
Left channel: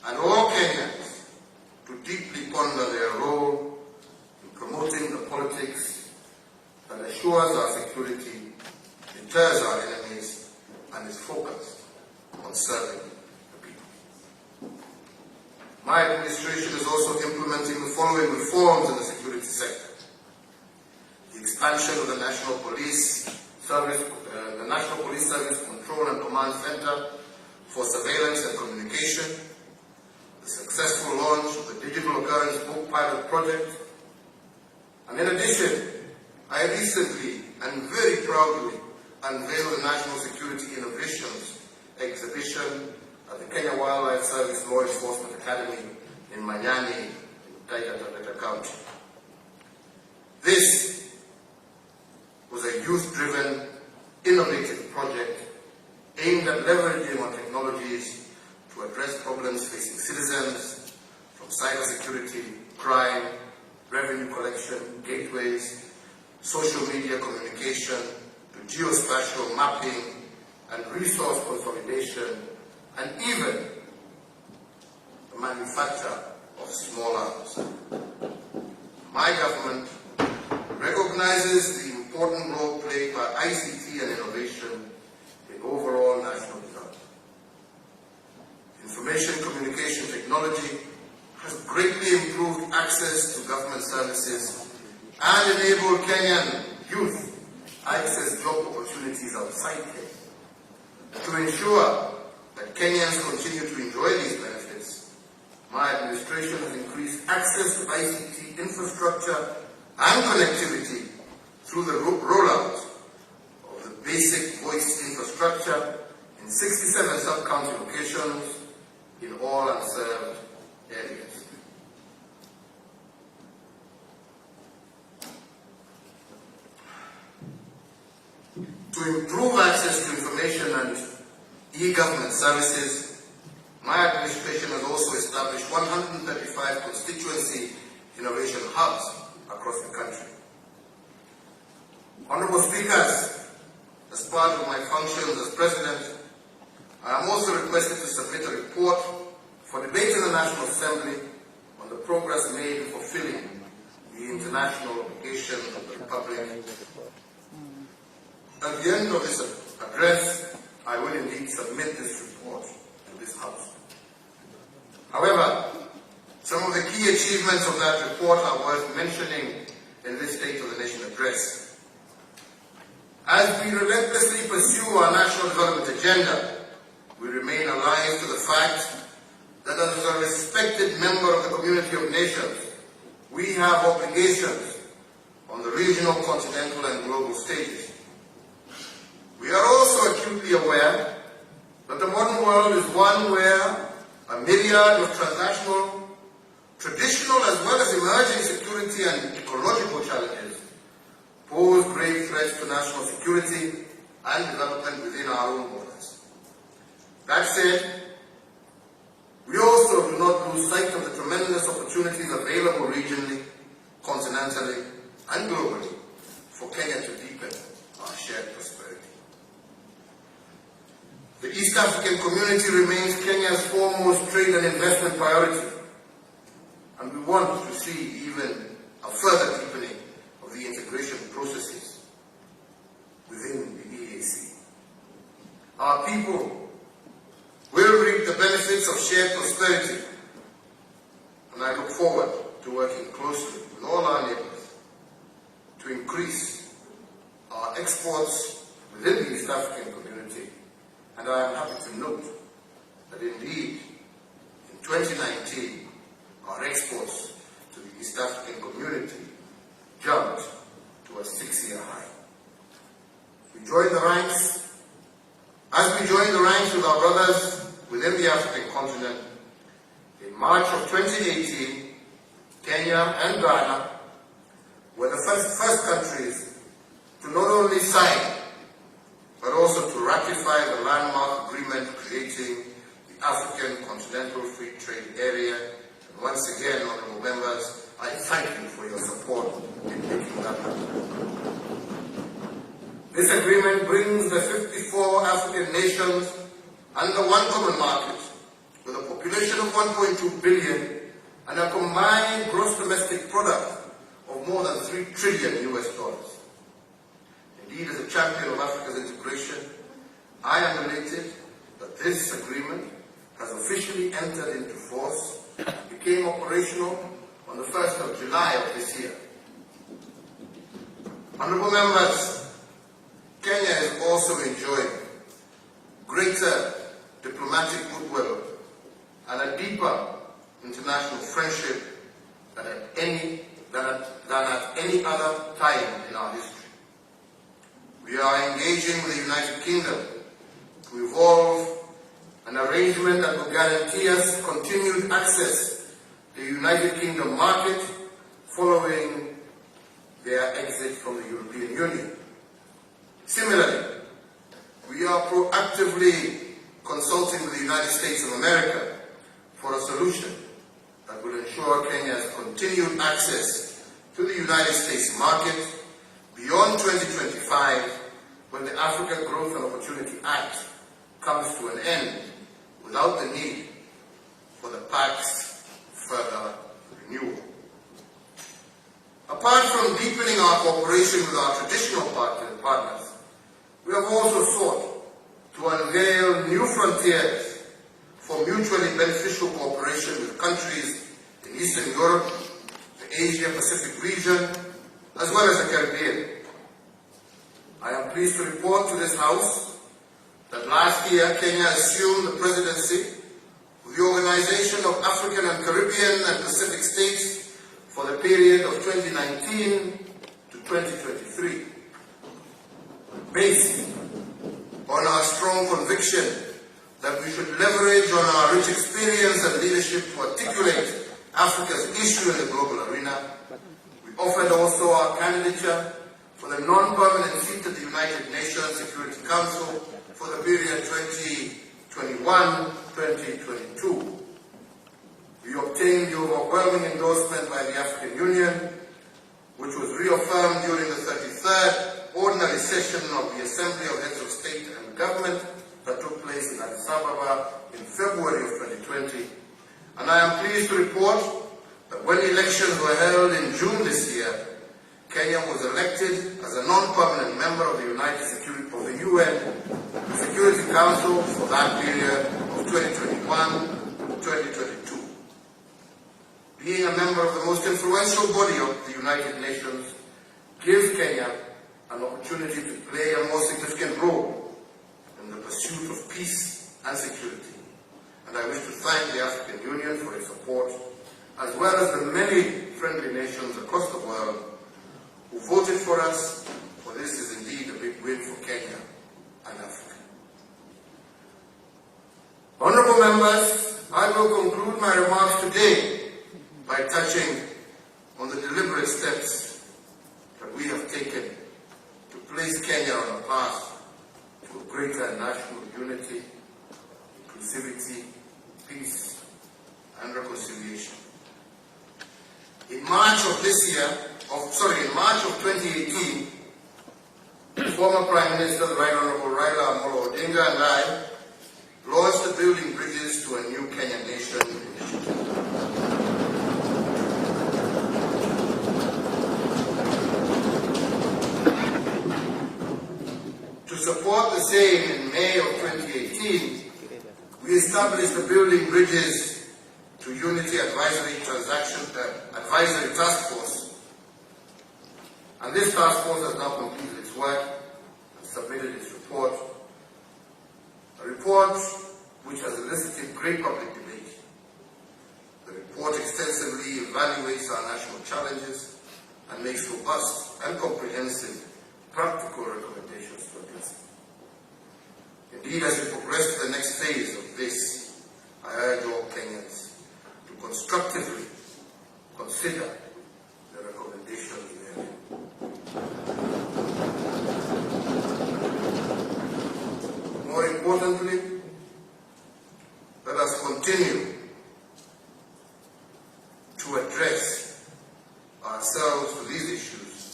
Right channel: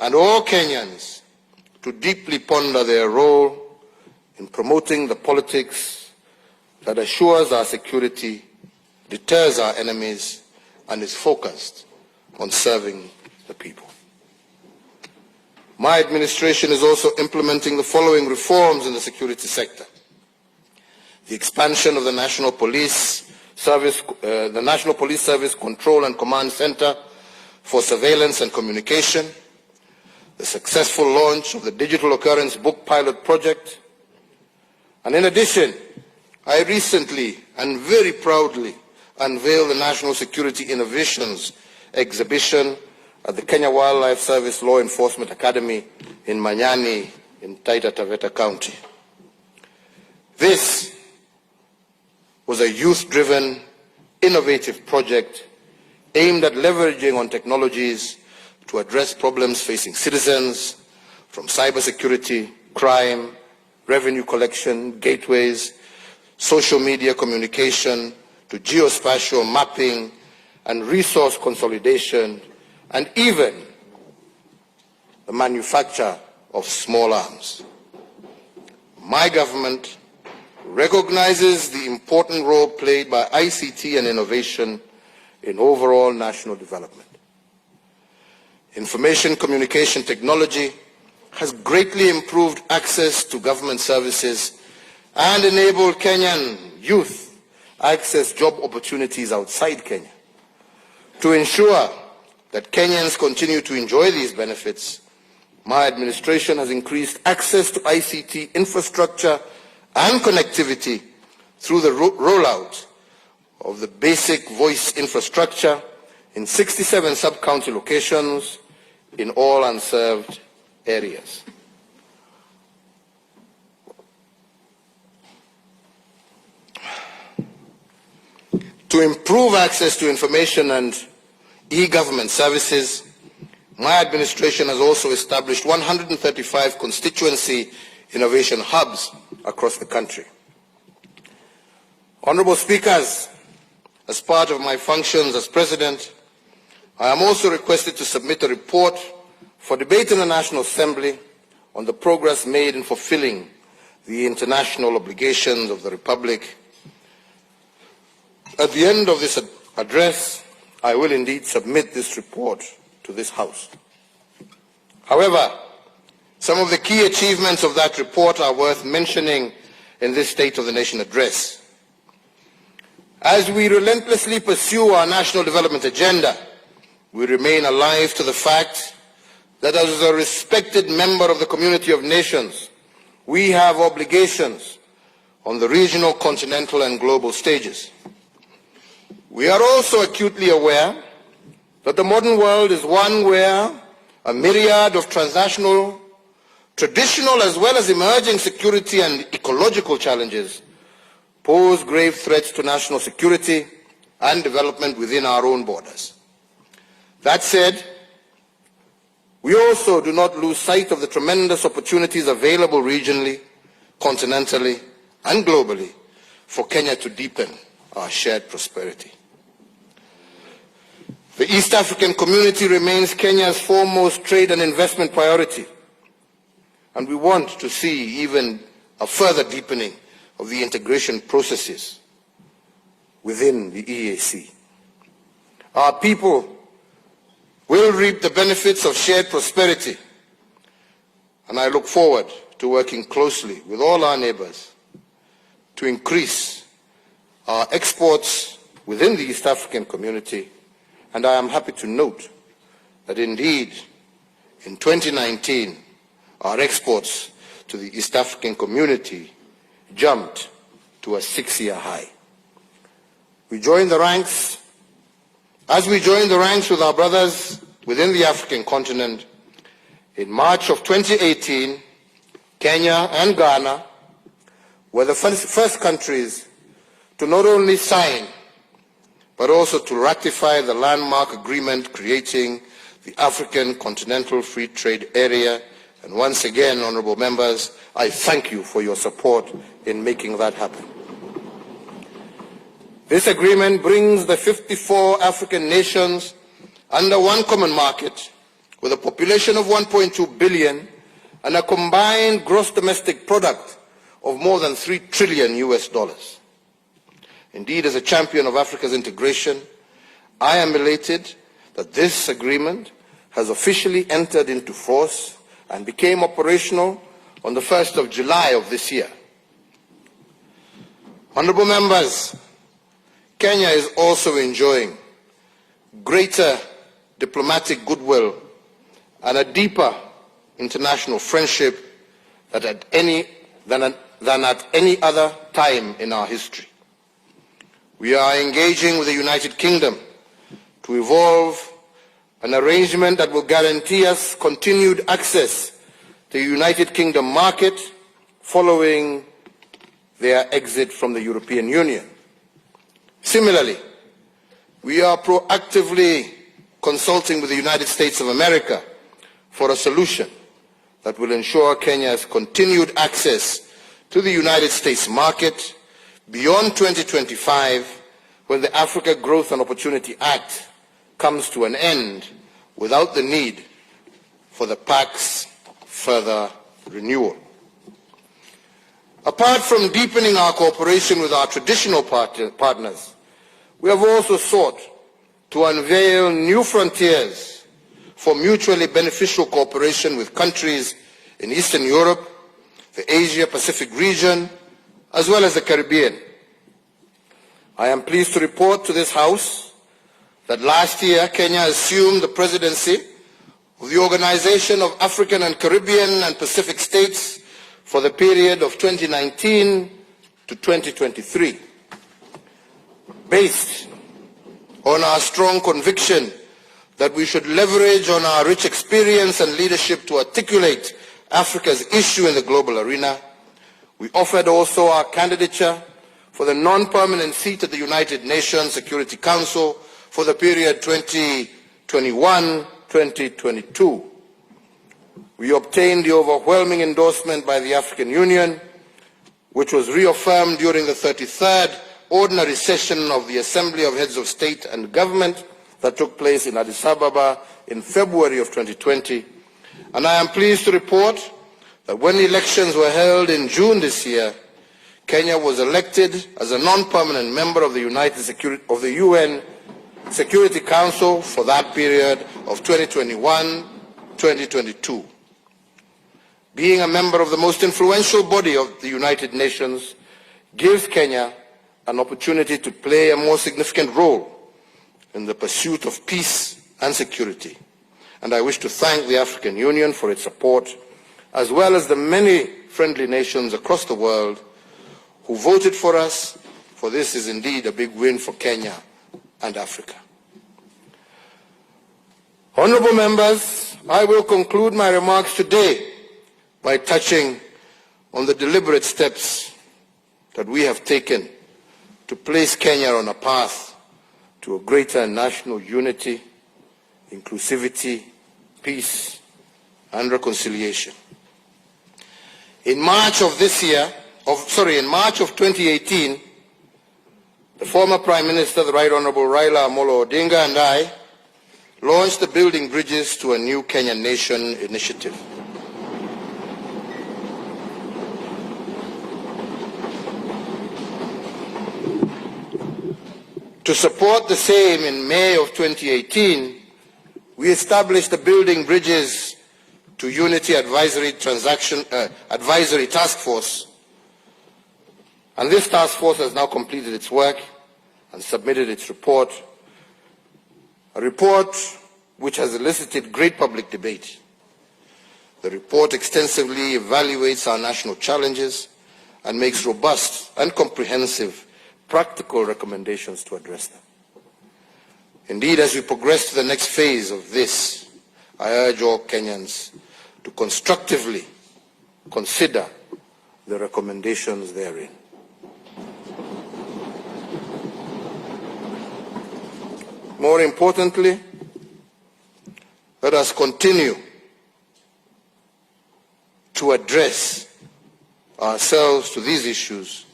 and all Kenyans to deeply ponder their role in promoting the politics that assures our security, deters our enemies, and is focused on serving the people. My administration is also implementing the following reforms in the security sector: the expansion of the National Police Service Control and Command Center for Surveillance and Communication, the successful launch of the Digital Occurrence Book Pilot Project, and in addition, I recently and very proudly unveiled the National Security Innovations exhibition at the Kenya Wildlife Service Law Enforcement Academy in Manyani in Taita Taveta County. This was a youth-driven, innovative project aimed at leveraging on technologies to address problems facing citizens, from cybersecurity, crime, revenue collection, gateways, social media communication, to geospatial mapping and resource consolidation, and even the manufacture of small arms. My government recognizes the important role played by ICT and innovation in overall national development. Information communication technology has greatly improved access to government services and enabled Kenyan youth access job opportunities outside Kenya. To ensure that Kenyans continue to enjoy these benefits, my administration has increased access to ICT infrastructure and connectivity through the rollout of the basic voice infrastructure in 67 sub-county locations in all unserved areas. To improve access to information and e-government services, my administration has also established 135 constituency innovation hubs across the country. Honorable Speakers, as part of my functions as President, I am also requested to submit a report for debate in the National Assembly on the progress made in fulfilling the international obligations of the Republic. At the end of this address, I will indeed submit this report to this House. However, some of the key achievements of that report are worth mentioning in this State of the Nation address. As we relentlessly pursue our national development agenda, we remain alive to the fact that as a respected member of the community of nations, we have obligations on the regional, continental, and global stages. We are also acutely aware that the modern world is one where a myriad of transnational, traditional as well as emerging security and ecological challenges pose grave threats to national security and development within our own borders. That said, we also do not lose sight of the tremendous opportunities available regionally, continentally, and globally for Kenya to deepen our shared prosperity. The East African community remains Kenya's foremost trade and investment priority, and we want to see even a further deepening of the integration processes within the EAC. Our people will reap the benefits of shared prosperity, and I look forward to working closely with all our neighbors to increase our exports within the East African community. And I am happy to note that indeed, in 2019, our exports to the East African community jumped to a 6-year high. As we join the ranks with our brothers within the African continent, in March of 2018, Kenya and Ghana were the first countries to not only sign but also to ratify the landmark agreement creating the African Continental Free Trade Area. And once again, honorable members, I thank you for your support in making that happen. This agreement brings the 54 African nations under one common market with a population of 1.2 billion and a combined gross domestic product of more than $3 trillion US. Indeed, as a champion of Africa's integration, I am elated that this agreement has officially entered into force and became operational on the 1st of July of this year. Honourable members, Kenya is also enjoying greater diplomatic goodwill and a deeper international friendship than at any other time in our history. We are engaging with the United Kingdom to evolve an arrangement that will guarantee us continued access to the United Kingdom market following their exit from the European Union. Similarly, we are proactively consulting with the United States of America for a solution that will ensure Kenya has continued access to the United States market beyond 2025, when the Africa Growth and Opportunity Act comes to an end without the need for the PAC's further renewal. Apart from deepening our cooperation with our traditional partners, we have also sought to unveil new frontiers for mutually beneficial cooperation with countries in Eastern Europe, the Asia-Pacific region, as well as the Caribbean. I am pleased to report to this House that last year Kenya assumed the presidency of the Organization of African and Caribbean and Pacific States for the period of 2019 to 2023. Based on our strong conviction that we should leverage on our rich experience and leadership to articulate Africa's issue in the global arena, we offered also our candidature for the non-permanent seat at the United Nations Security Council for the period 2021-2022. We obtained the overwhelming endorsement by the African Union, which was reaffirmed during the 33rd Ordinary Session of the Assembly of Heads of State and Government that took place in Addis Ababa in February of 2020. And I am pleased to report that when elections were held in June this year, Kenya was elected as a non-permanent member of the UN Security Council for that period of 2021-2022. Being a member of the most influential body of the United Nations gives Kenya an opportunity to play a more significant role in the pursuit of peace and security. And I wish to thank the African Union for its support, as well as the many friendly nations across the world who voted for us, for this is indeed a big win for Kenya and Africa. Honourable members, I will conclude my remarks today by touching on the deliberate steps that we have taken to place Kenya on a path to a greater national unity, inclusivity, peace, and reconciliation. In March of 2018, the former Prime Minister, the Right Honourable Raila Amolo Odinga, and I launched the Building Bridges to a New Kenyan Nation initiative. To support the same, in May of 2018, we established the Building Bridges to Unity Advisory Task Force, and this task force has now completed its work and submitted its report, a report which has elicited great public debate. The report extensively evaluates our national challenges and makes robust and comprehensive practical recommendations to address them. Indeed, as we progress to the next phase of this, I urge all Kenyans to constructively consider the recommendations therein. More importantly, let us continue to address ourselves to these issues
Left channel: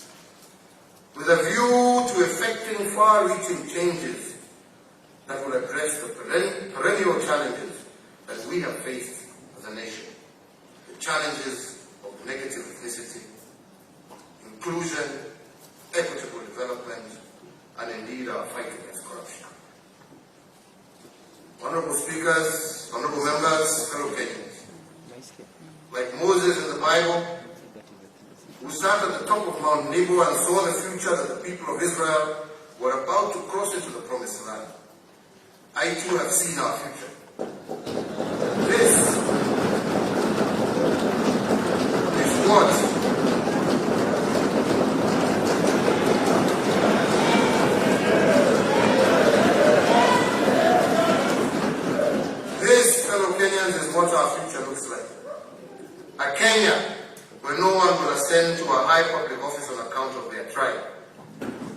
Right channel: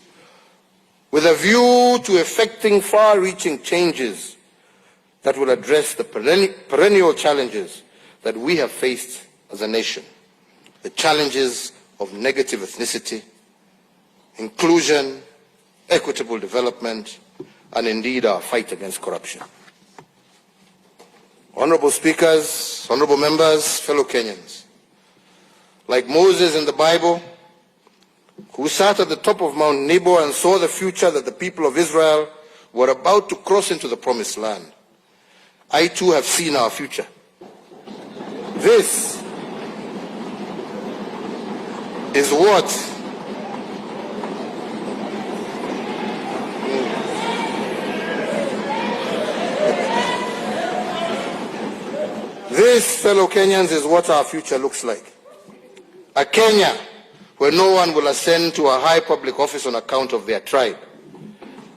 with a view to effecting far-reaching changes that will address the perennial challenges that we have faced as a nation. The challenges of negative ethnicity, inclusion, equitable development, and indeed our fight against corruption. Honorable speakers, honorable members, fellow Kenyans, like Moses in the Bible, who sat at the top of Mount Nebo and saw the future that the people of Israel were about to cross into the promised land, I too have seen our future. This is what fellow Kenyans, is what our future looks like. A Kenya where no one will ascend to a high public office on account of their tribe.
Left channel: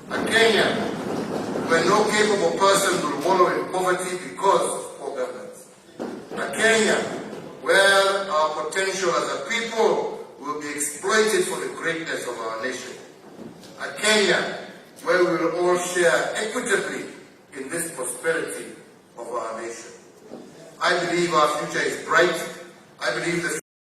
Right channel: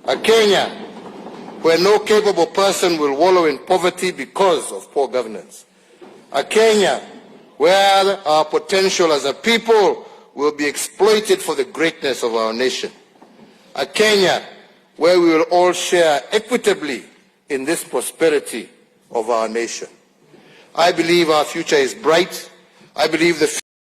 A Kenya where no capable person will wallow in poverty because of poor governance. A Kenya where our potential as a people will be exploited for the greatness of our nation. A Kenya where we will all share equitably in this prosperity of our nation. I believe our future is bright. I believe the